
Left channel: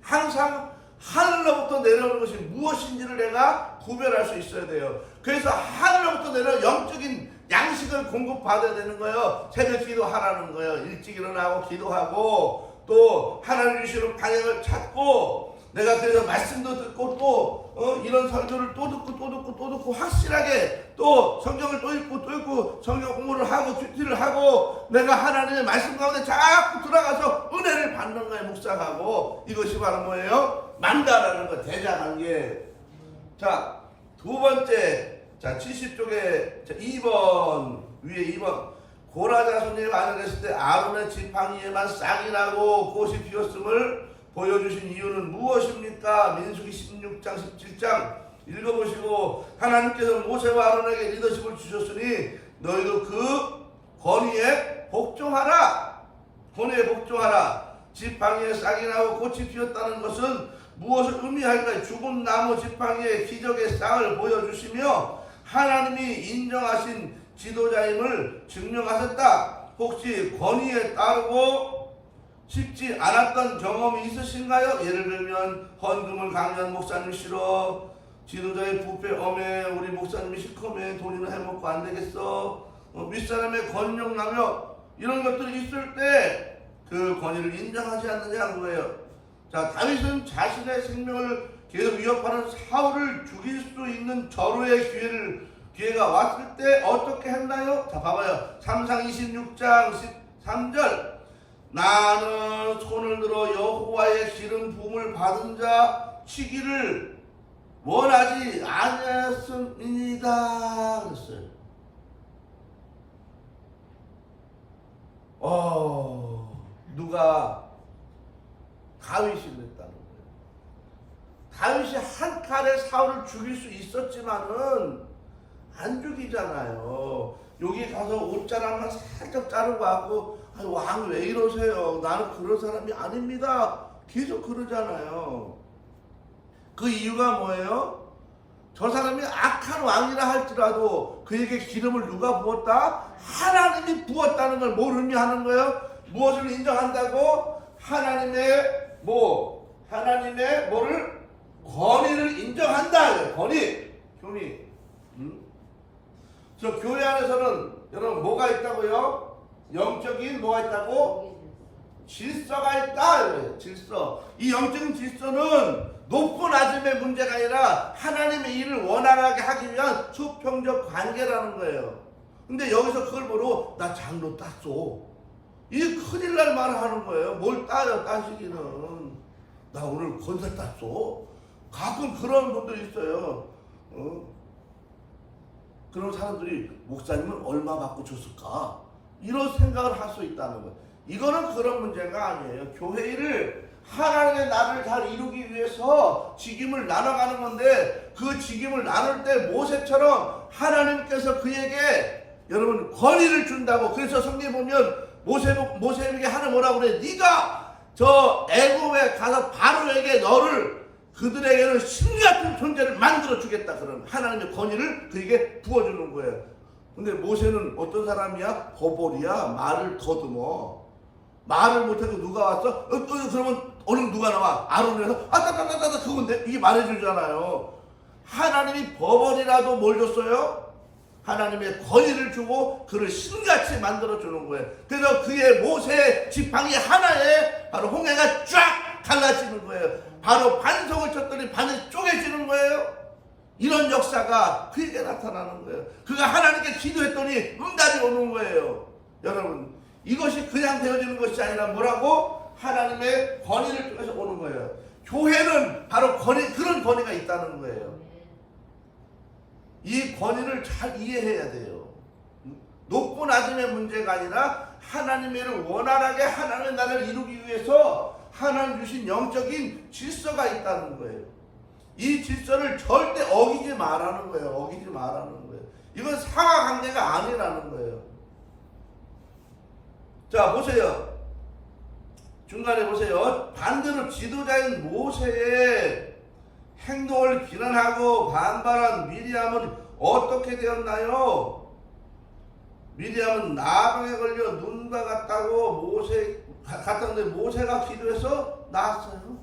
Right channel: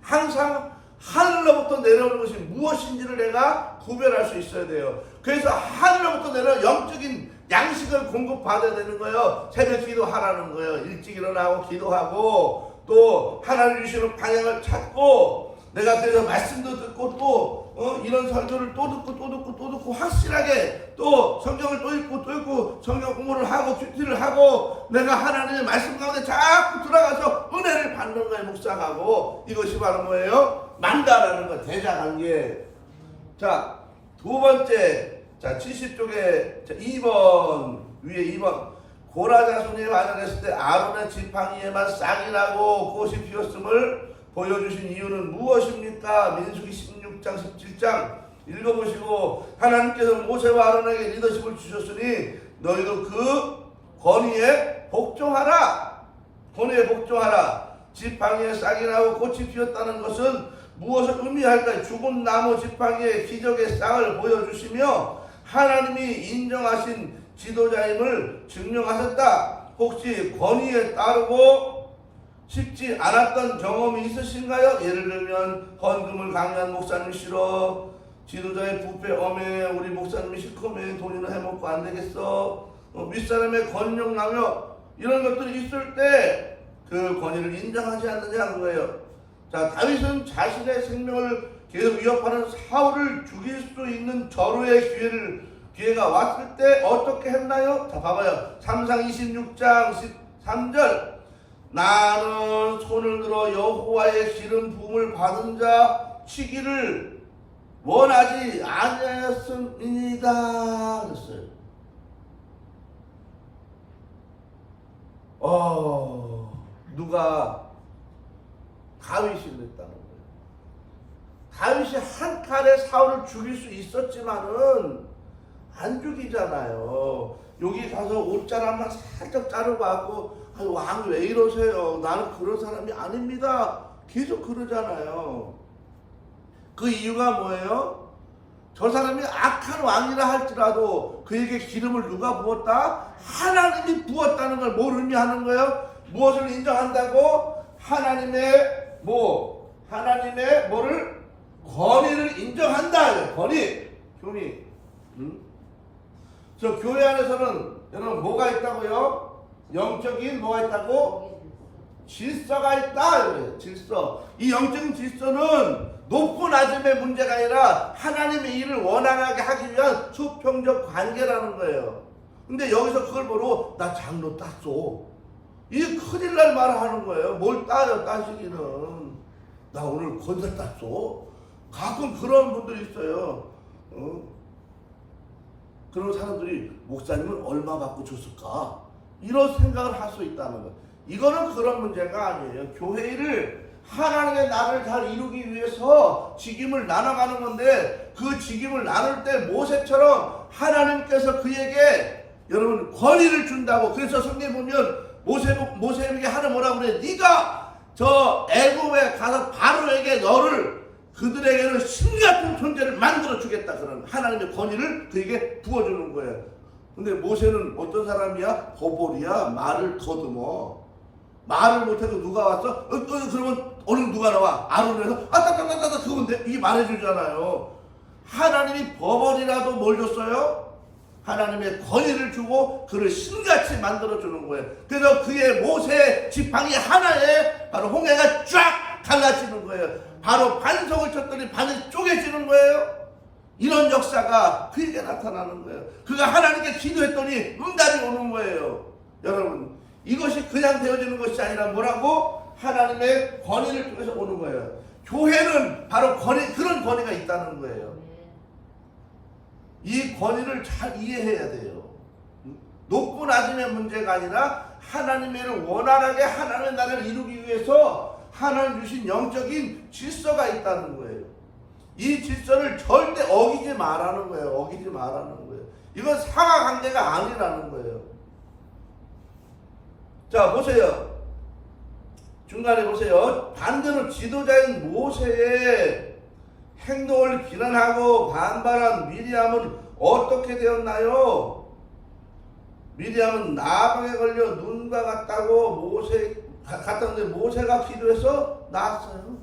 항상 하늘로부터 내려오는 것이 무엇인지를 내가 구별할 수 있어야 돼요. 그래서 하늘로부터 내려오는 영적인 양식을 공급받아야 되는 거예요. 새벽 기도하라는 거예요. 일찍 일어나고 기도하고 또 하나님 주시는 방향을 찾고, 내가 그래서 말씀도 듣고 또 이런 설교를 또 듣고 확실하게 또 성경을 또 읽고 성경 공부를 하고 큐티를 하고 내가 하나님의 말씀 가운데 자꾸 들어가서 은혜를 받는 거예요. 묵상하고. 이것이 바로 뭐예요? 만다라는 거, 대자관계. 자, 두 번째, 자 70쪽에 2번 위에 2번 고라 자손이 만연했을 때 아론의 지팡이에만 싹이 나고 꽃이 피었음을 보여주신 이유는 무엇입니까? 민수기 16장 17장 읽어보시고, 하나님께서 모세와 아론에게 리더십을 주셨으니 너희도 그 권위에 복종하라. 지팡이에 싹이 나고 꽃이 피었다는 것은 무엇을 의미할까요? 죽은 나무 지팡이에 기적의 쌍을 보여주시며 하나님이 인정하신 지도자임을 증명하셨다. 혹시 권위에 따르고 쉽지 않았던 경험이 있으신가요? 예를 들면 헌금을 강요한 목사님 싫어, 지도자의 부패 엄해, 우리 목사님이 시커매, 돈이나 해먹고 안 되겠어, 윗사람의 권력 남용, 이런 것들이 있을 때 그 권위를 인정하지 않느냐는 거예요. 자, 다윗은 자신의 생명을 계속 위협하는 사울을 죽일 수 있는 절호의 기회가 왔을 때 어떻게 했나요? 자, 봐봐요. 3상 26장 13절. 나는 손을 들어 여호와의 기름 부음을 받은 자 치기를 원하지 아니하였음이니이다 그랬어요. 누가? 다윗이 그랬다는 거예요. 다윗이 한 칼에 사울을 죽일 수 있었지만은 안 죽이잖아요. 여기 가서 옷자락만 살짝 자르고 하고, 왕 왜 이러세요? 나는 그런 사람이 아닙니다. 계속 그러잖아요. 그 이유가 뭐예요? 저 사람이 악한 왕이라 할지라도 그에게 기름을 누가 부었다? 하나님이 부었다는 걸 뭘 의미하는 거예요? 무엇을 인정한다고? 하나님의 뭐를 권위를 인정한다. 권위. 저 교회 안에서는 여러분 뭐가 있다고요? 영적인 뭐가 있다고? 질서가 있다. 질서. 이 영적인 질서는 높고 낮음의 문제가 아니라 하나님의 일을 원활하게 하기 위한 수평적 관계라는 거예요. 근데 여기서 그걸 보고 나 장로 땄어. 이 큰일 날 말을 하는 거예요. 뭘 따요, 따시기는. 나 오늘 건설 땄어. 가끔 그런 분들이 있어요. 그런 사람들이 목사님은 얼마 받고 줬을까? 이런 생각을 할 수 있다는 거예요. 이거는 그런 문제가 아니에요. 교회 일을 하나님의 나라를 잘 이루기 위해서 직임을 나눠가는 건데 그 직임을 나눌 때 모세처럼 하나님께서 그에게 여러분 권위를 준다고. 그래서 성경에 보면 모세에게 하는 뭐라고 그래? 네가 저 애굽에 가서 바로에게 너를 그들에게는 신 같은 존재를 만들어 주겠다. 그런 하나님의 권위를 그에게 부어주는 거예요. 근데 모세는 어떤 사람이야? 버벌이야. 말을 더듬어. 말을 못하고 누가 왔어? 그러면 오늘 누가 나와? 아론에서 따따따따따 그건데 이게 말해주잖아요. 하나님이 버벌이라도 뭘 줬어요? 하나님의 권위를 주고 그를 신같이 만들어주는 거예요. 그래서 그의 모세 지팡이 하나에 바로 홍해가 쫙 갈라지는 거예요. 바로 반석을 쳤더니 반이 쪼개지는 거예요. 이런 역사가 그에게 나타나는 거예요. 그가 하나님께 기도했더니 응답이 오는 거예요. 여러분, 이것이 그냥 되어지는 것이 아니라 뭐라고? 하나님의 권위를 통해서 오는 거예요. 교회는 바로 그런 권위가 있다는 거예요. 이 권위를 잘 이해해야 돼요. 높고 낮음의 문제가 아니라 하나님의 일을 원활하게 하나님의 나라를 이루기 위해서 하나님 주신 영적인 질서가 있다는 거예요. 이 질서를 절대 어기지 말라는 거예요. 어기지 말라는 거예요. 이건 상하관계가 아니라는 거예요. 자, 보세요. 중간에 보세요. 반대로 지도자인 모세의 행동을 비난하고 반발한 미리암은 어떻게 되었나요? 미리암은 나방에 걸려 눈과 같다고 갔다는데 모세가 기도해서 나았어요.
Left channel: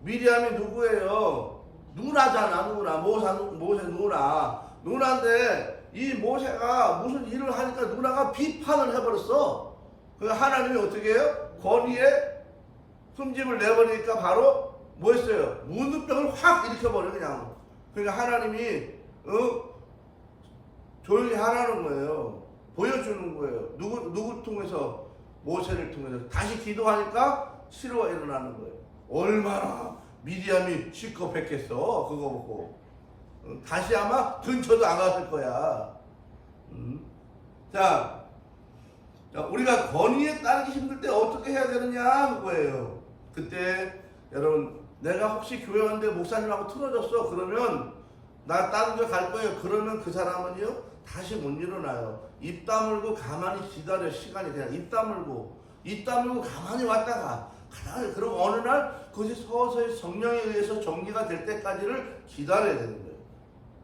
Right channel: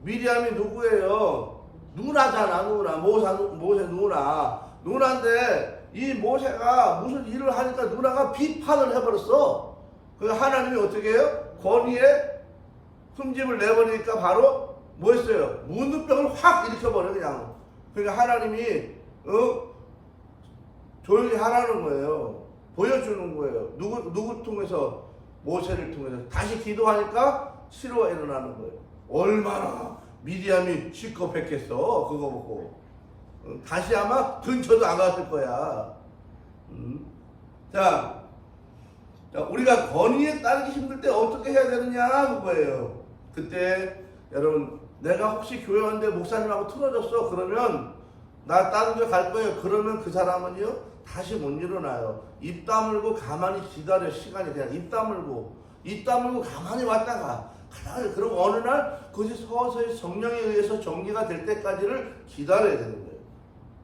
미리암이 누구예요? 누나잖아, 누나. 모세 누나. 누나인데 이 모세가 무슨 일을 하니까 누나가 비판을 해버렸어. 그래서 하나님이 어떻게 해요? 권위에 흠집을 내버리니까 바로 뭐 했어요? 문둥병을 확 일으켜버려 그냥. 그러니까 하나님이 조용히 하라는 거예요. 보여주는 거예요. 누구 통해서? 모세를 통해서. 다시 기도하니까 치료가 일어나는 거예요. 얼마나 미디암이 시커했겠어 그거 보고. 다시 아마 근처도 안 갔을 거야. 자, 우리가 권위에 따르기 힘들 때 어떻게 해야 되느냐 그거예요. 그때 여러분, 내가 혹시 교회 왔는데 목사님하고 틀어졌어 그러면 나 다른 데 갈 거예요. 그러면 그 사람은요 다시 못 일어나요. 입 다물고 가만히 기다려. 시간이 그냥 입 다물고 가만히 왔다가 그리고 어느 날 그것이 서서히 성령에 의해서 정리가 될 때까지를 기다려야 되는 거예요.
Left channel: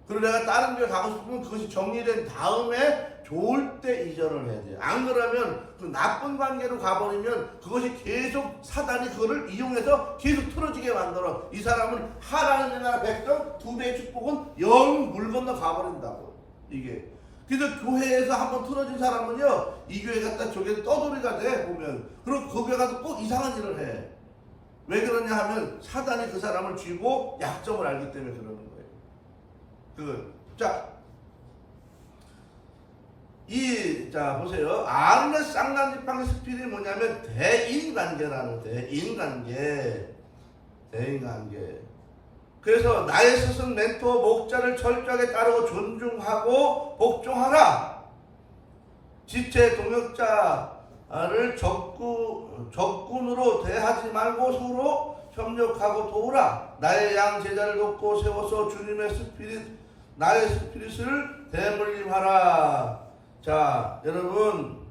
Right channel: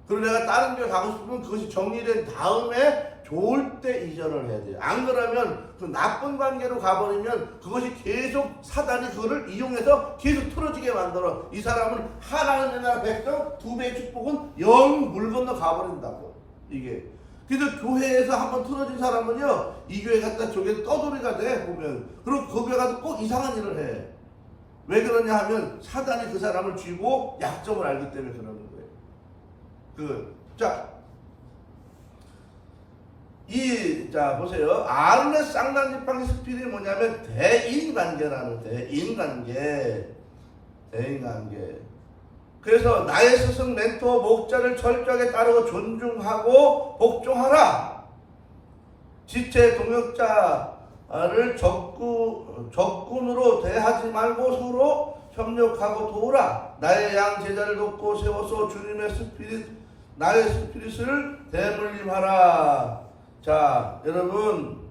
그리고 내가 다른 데 가고 싶으면 그것이 정리된 다음에 좋을 때 이전을 해야 돼요. 안 그러면 그 나쁜 관계로 가버리면 그것이 계속 사단이 그거를 이용해서 계속 틀어지게 만들어. 이 사람은 하나님의 나라 백성 2배의 축복은 영 물 건너 가버린다고. 이게. 그래서 교회에서 한번 틀어진 사람은요 이 교회 갔다 저기 떠돌이가 돼 보면. 그리고 그 교회 가서 꼭 이상한 일을 해. 왜 그러냐 하면 사단이 그 사람을 쥐고 약점을 알기 때문에 그러는 거예요. 자 보세요. 아론의 쌍난지팡이 스피릿이 뭐냐면 대인관계라는 대인관계. 그래서 나의 스승 멘토 목자를 철저하게 따르고 존중하고 복종하라. 지체 동역자를 적군으로 대하지 말고 서로 협력하고 도우라. 나의 양 제자를 돕고 세워서 주님의 나의 스피릿을 대물림하라. 자, 여러분,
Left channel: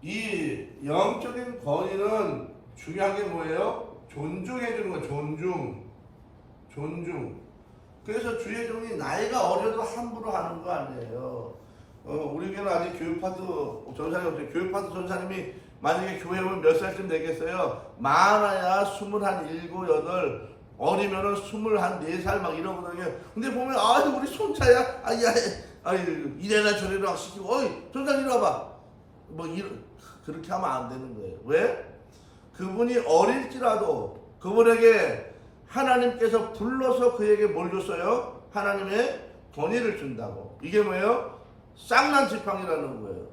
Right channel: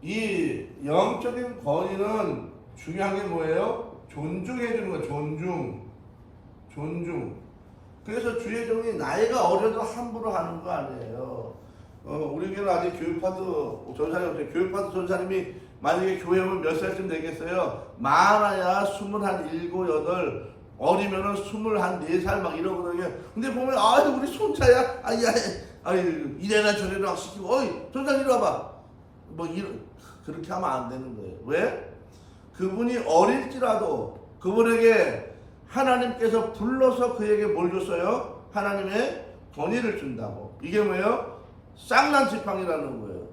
이 영적인 권위는 중요한 게 뭐예요? 존중해 주는 거. 존중. 그래서 주의 종이 나이가 어려도 함부로 하는 거 아니에요. 우리 교회는 아직 교육파트 전사님 없어요. 교육파트 전사님이 만약에 교회 오면 몇 살쯤 되겠어요? 많아야 21, 8, 어리면은 24살 막 이러거든요. 근데 보면 우리 손자야, 이래라 저래라 막 시키고, 전사님 이리 와봐. 그렇게 하면 안 되는 거예요. 왜? 그분이 어릴지라도 그분에게 하나님께서 불러서 그에게 뭘 줬어요? 하나님의 권위를 준다고. 이게 뭐예요? 쌍난 지팡이라는 거예요.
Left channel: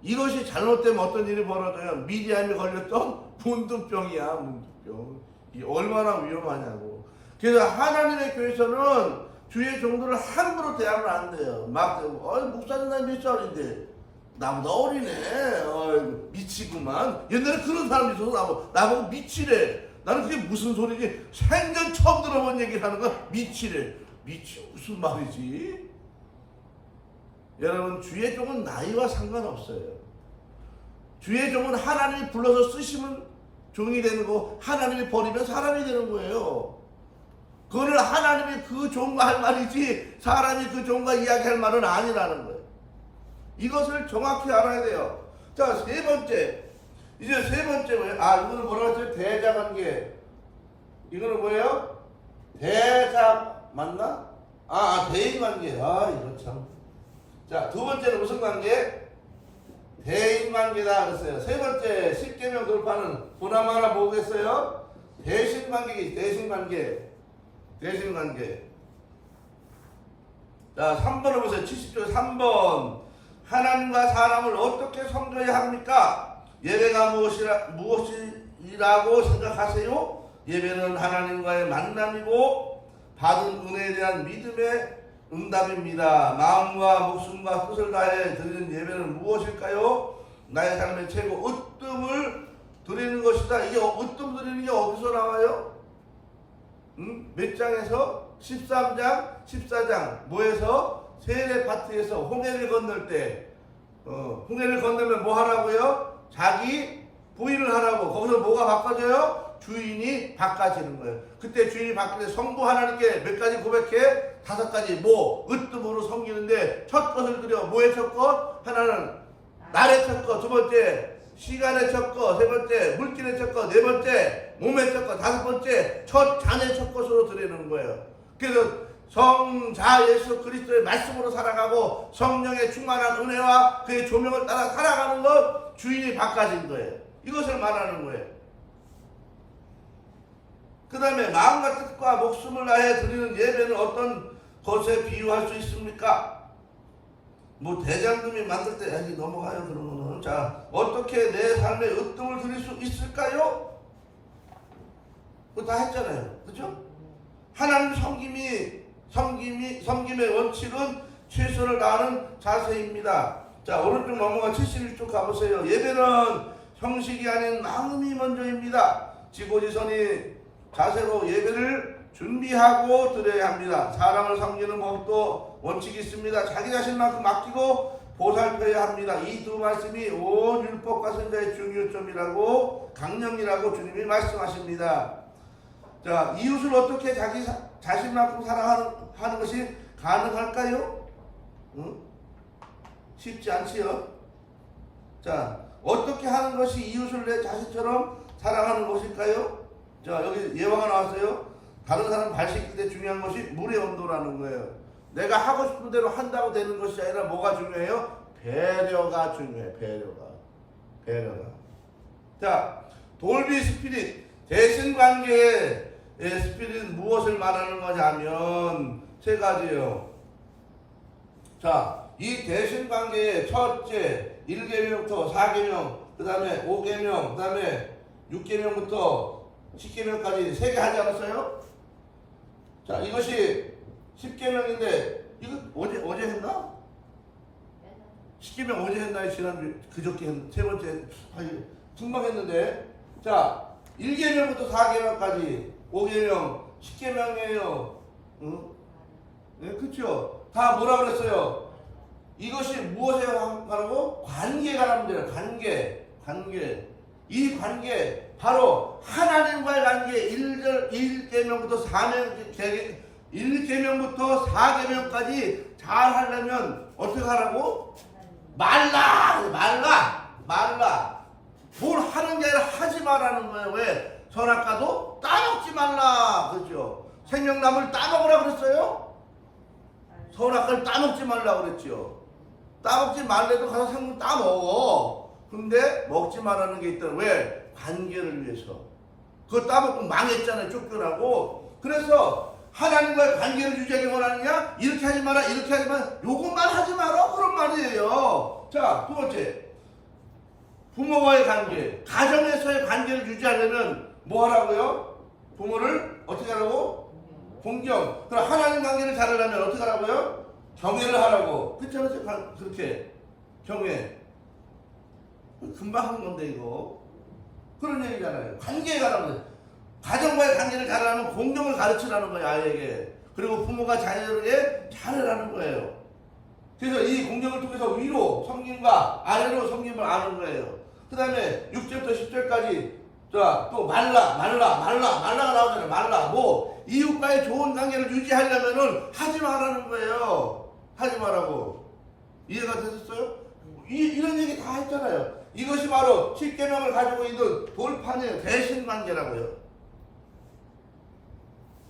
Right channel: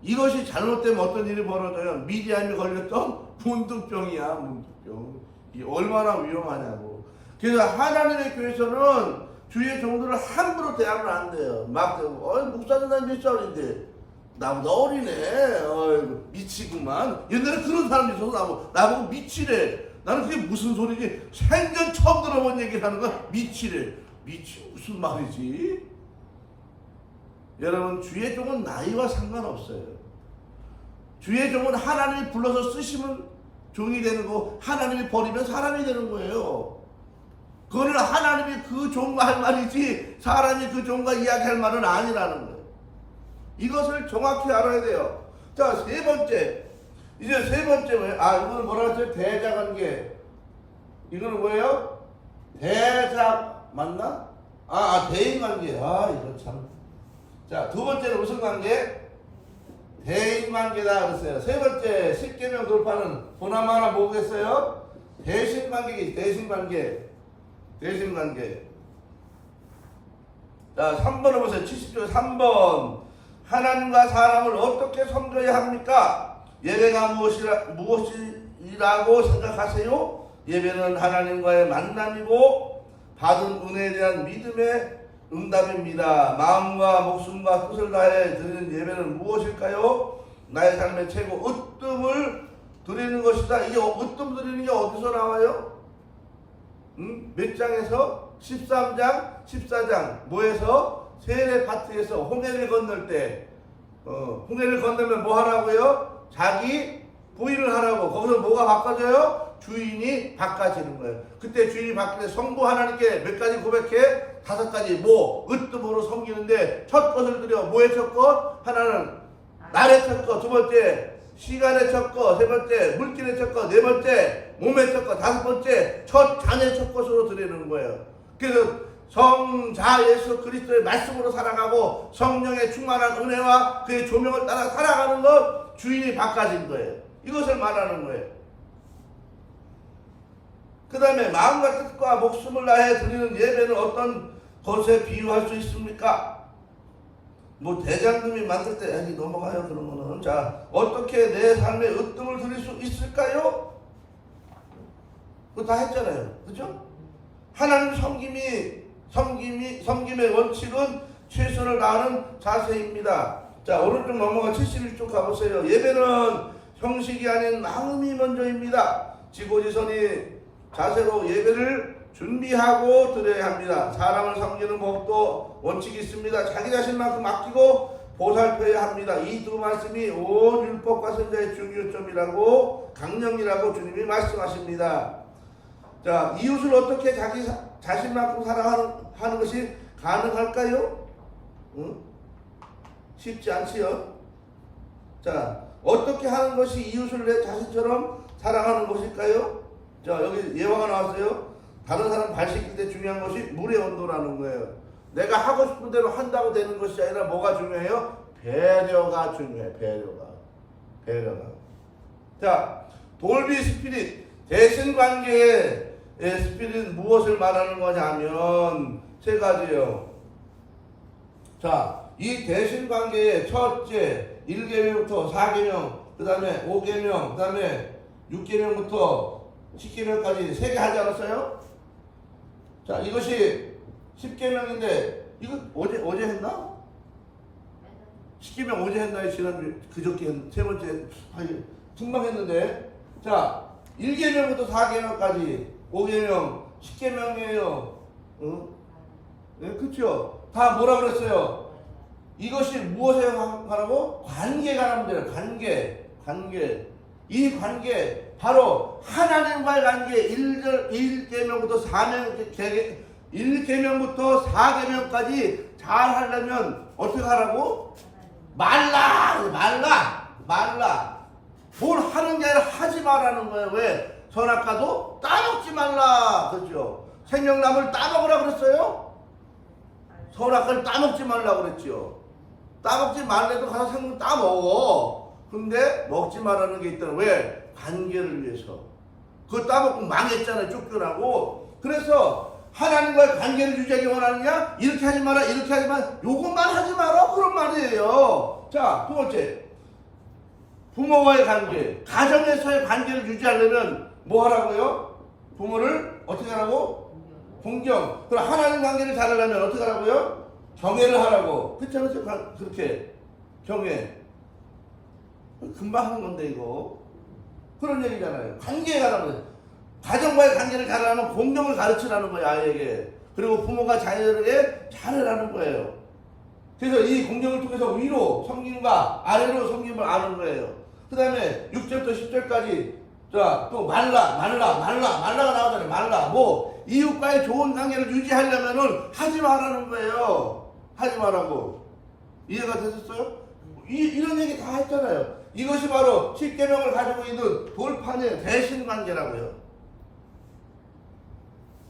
이것이 잘못되면 어떤 일이 벌어져요? 미디암이 걸렸던 문둥병이야. 문둥병. 이게 얼마나 위험하냐고. 그래서 하나님의 교회에서는 주의 종들을 함부로 대하면 안 돼요. 막 목사님 난 몇 살인데 나보다 어리네. 미치구만. 옛날에 그런 사람이 있어서 나보고 미치래. 나는 그게 무슨 소리지? 생전 처음 들어본 얘기를 하는 거야. 미치래. 미치 무슨 말이지? 여러분, 주의 종은 나이와 상관없어요. 주의 종은 하나님이 불러서 쓰시면 종이 되는 거고, 하나님이 버리면 사람이 되는 거예요. 그거는 하나님이 그 종과 할 말이지 사람이 그 종과 이야기할 말은 아니라는 거예요. 이것을 정확히 알아야 돼요. 자, 세 번째. 이제 세 번째 뭐예요? 이거는 뭐라고 했어요? 대자관계. 이거는 뭐예요? 맞나? 대인관계. 이거 참. 자, 두 번째는 무슨 관계? 대인관계다 그랬어요. 세 번째, 10계명 돌파는 보나마 하나 뭐겠어요? 대신관계기, 대신관계. 자, 3번을 보세요. 70조 3번. 하나님과 사람을 어떻게 섬겨야 합니까? 예배가 무엇이라고 생각하세요? 예배는 하나님과의 만남이고 받은 은혜에 대한 믿음의 응답입니다. 마음과 목숨과 뜻을 다해 드리는 예배는 무엇일까요? 나의 삶의 최고 으뜸을 드리는 것이다. 이게 으뜸 드리는 게 어디서 나와요? 몇 장에서? 13장, 14장. 뭐에서? 세례 파트에서 홍해를 건널 때, 홍해를 건너면 뭐 하라고요? 자기 부인을 하라고. 거기서 뭐가 바꿔져요? 주인이 바꿔지는 거예요. 그때 주인이 바뀌는데 성부 하나님께 몇 가지 고백해? 5가지. 으뜸으로 섬기는데 첫 것을 드려. 뭐의 첫 것? 하나는 날의 첫 것, 두 번째 시간의 첫 것, 세 번째 물질의 첫 것, 네 번째 몸의 첫 것, 다섯 번째 첫 자녀의 첫 것으로 드리는 거예요. 그래서 성자 예수 그리스도의 말씀으로 살아가고 성령의 충만한 은혜와 그의 조명을 따라 살아가는 것, 주인이 바꿔진 거예요. 이것을 말하는 거예요. 그 다음에 마음과 뜻과 목숨을 다해 드리는 예배는 어떤 것에 비유할 수 있습니까? 대장금이 만들 때 넘어가요. 그러면은 자, 어떻게 내 삶에 으뜸을 드릴 수 있을까요? 그거 다 했잖아요. 그죠? 하나님 섬김의 원칙은 최선을 다하는 자세입니다. 자, 오른쪽 넘어가 71쪽 가보세요. 예배는 형식이 아닌 마음이 먼저입니다. 지고지선이 자세로 예배를 준비하고 드려야 합니다. 사람을 섬기는 법도 원칙이 있습니다. 자기 자신만큼 아끼고 보살펴야 합니다. 이 두 말씀이 온 율법과 선자의 중요점이라고 강령이라고 주님이 말씀하십니다. 자, 이웃을 어떻게 자기 자신만큼 사랑하는 것이 가능할까요? 쉽지 않지요. 자, 어떻게 하는 것이 이웃을 내 자신처럼 사랑하는 것일까요? 자, 여기 예화가 나왔어요. 다른 사람 발 씻길 때 중요한 것이 물의 온도라는 거예요. 내가 하고 싶은 대로 한다고 되는 것이 아니라 뭐가 중요해요? 배려가 중요해. 배려가. 자, 돌비 스피릿, 대신관계의 스피릿은 무엇을 말하는 거냐면 세 가지요. 자, 이 대신관계의 첫째 1계명부터 4계명, 그 다음에 5계명, 그 다음에 6계명부터 10계명까지 3개 하지 않았어요? 자, 이것이 10계명인데 이거 어제 했나? 10계명 어제 했나? 지난주 그저께 세 번째 금방 했는데, 자, 1계명부터 4계명까지 5계명 10계명이에요. 네, 그쵸? 다 뭐라 그랬어요? 이것이 무엇에 관하고? 관계가 하면 돼요. 관계. 이 관계 바로 하나님과의 관계 1계명부터 1계명부터 4계명까지 잘 하려면 어떻게 하라고? 말라. 뭘 하는 게 아니라 하지 말라는 거예요. 왜? 선악과도 따먹지 말라. 그렇죠? 생명나무를 따먹으라 그랬어요? 선악과를 따먹지 말라 그랬죠. 따먹지 말래도 가서 생명 따먹어. 근데 먹지 말라는 게 있더라. 왜? 관계를 위해서. 그거 따먹고 망했잖아요. 쫓겨나고. 그래서 하나님과의 관계를 유지하기 원하느냐? 이렇게 하지 마라, 이렇게 하지 마라, 요것만 하지 마라, 그런 말이에요. 자, 두 번째, 부모와의 관계, 가정에서의 관계를 유지하려면 뭐 하라고요? 부모를 어떻게 하라고? 공경. 그럼 하나님 관계를 잘하려면 어떻게 하라고요? 경외를 하라고. 그렇죠? 그렇게 경외. 금방 하는 건데 이거. 그런 얘기잖아요. 관계에 관한 가정과의 관계를 잘하려면 공경을 가르치라는 거예요, 아이에게. 그리고 부모가 자녀에게 잘하라는 거예요. 그래서 이 공경을 통해서 위로 섬김과 아래로 섬김을 아는 거예요. 그 다음에 6절부터 10절까지 자, 또 말라가 나오잖아요. 말라. 뭐 이웃과의 좋은 관계를 유지하려면은 하지 말라는 거예요. 하지 말라고. 이해가 되셨어요? 이런 얘기 다 했잖아요. 이것이 바로 10계명을 가지고 있는 돌판의 대신 관계라고요.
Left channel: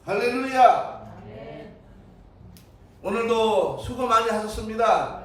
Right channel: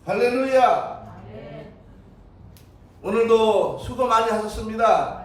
할렐루야. 오늘도 수고 많이 하셨습니다.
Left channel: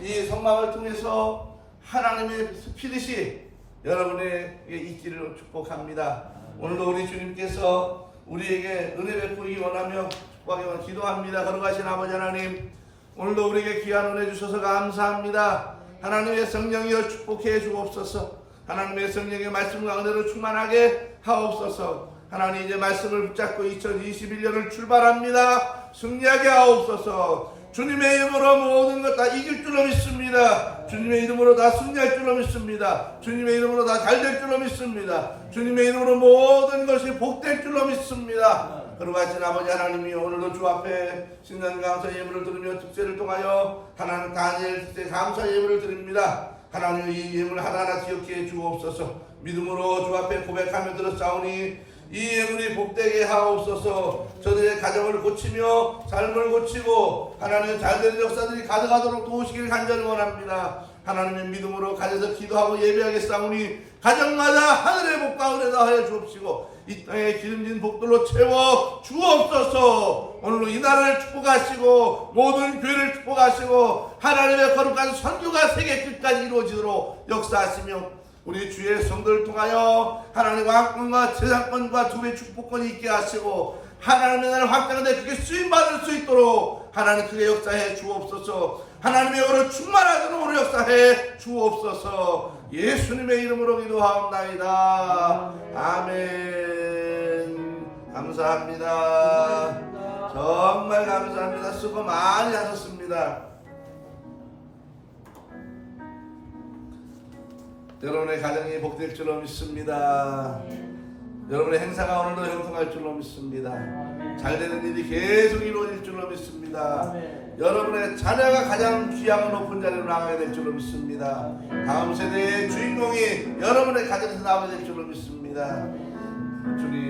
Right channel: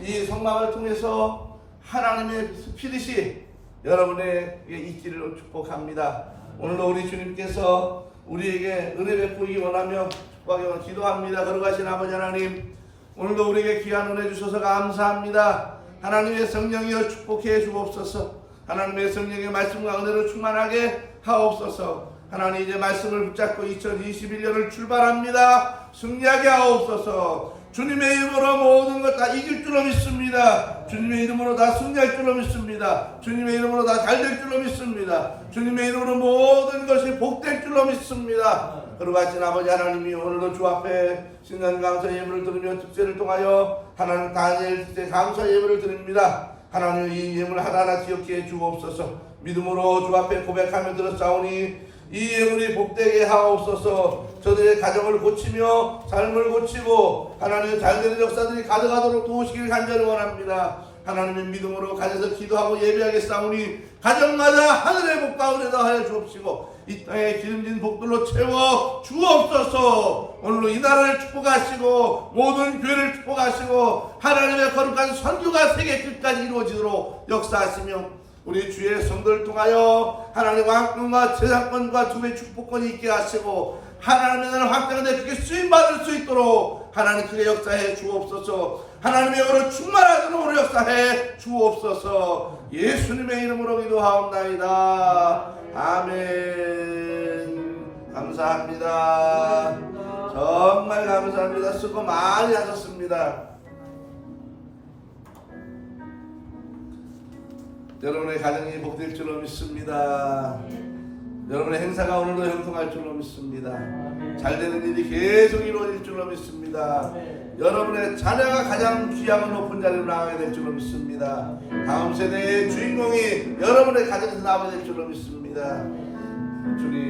이 성막을 통해서 하나님의 스피릿이 여러분에게 있기를 축복합니다. 오늘도 우리 주님께서 우리에게 은혜 베푸기 원하며 축복하기 원하며 기도합니다. 거룩하신 아버지 하나님, 오늘도 우리에게 귀한 은혜 주셔서 감사합니다. 하나님의 성령이여 축복해 주옵소서. 하나님의 성령의 말씀과 은혜로 충만하게 하옵소서. 하나님, 이제 말씀을 붙잡고 2021년을 출발합니다. 승리하게 하옵소서. 주님의 이름으로 모든 것 다 이길 줄로 믿습니다. 주님의 이름으로 다 승리할 줄로 믿습니다. 주님의 이름으로 다 잘 될 줄로 믿습니다. 주님의 이름으로 모든 것이 복될 줄로 믿습니다. 거룩하신 아버지 하나님이 오늘도 주 앞에 신년 감사 예물을 드리며 특세를 통하여 하나님 다니엘 특세 감사 예물을 드립니다. 하나님, 이 예물 하나하나 기억해 주옵소서. 믿음으로 주 앞에 고백하며 들었사오니 이 예물이 복되게 하옵소서. 저들의 가정을 고치며 삶을 고치고 하나님 잘되는 역사들이 가득하도록 도우시길 간절히 원합니다. 하나님의 믿음으로 가져서 기도하고 예배하겠사오니 가정마다 하늘의 복과 은혜다 하여 주옵시고 이 땅에 기름진 복들로 채워 주옵소서. 오늘로 이 나라를 축복하시고 모든 교회를 축복하시고 하나님의 거룩한 선교가 세계 끝까지 이루어지도록 역사하시며 우리 주의 성도를 통하여 하나님의 왕권과 재산권과 두 배의 축복권이 있게 하시고 하나님의 나라를 확장하는데 그게 쓰임받을 수 있도록 하나님 크게 역사해 주옵소서. 하나님의 영으로 충만하도록 우리 역사해 주옵소서. 예수님의 이름으로 기도하옵나이다. 아멘. 감사합니다. 정말 감사합니다. 수고 많이 하셨습니다. 여러분의 가정이 복될 줄로 믿습니다. 여러분의 행사가 오늘도 형통할 줄로 믿습니다. 잘되는 일이 계속 이루어질 줄로 믿습니다. 여러분의 자녀가 가장 귀하고 높은 자리로 나가게 될 줄로 믿습니다. 다음 세대의 주인공이 여러분의 가정에서 나오게 될 줄로 믿습니다. 주님.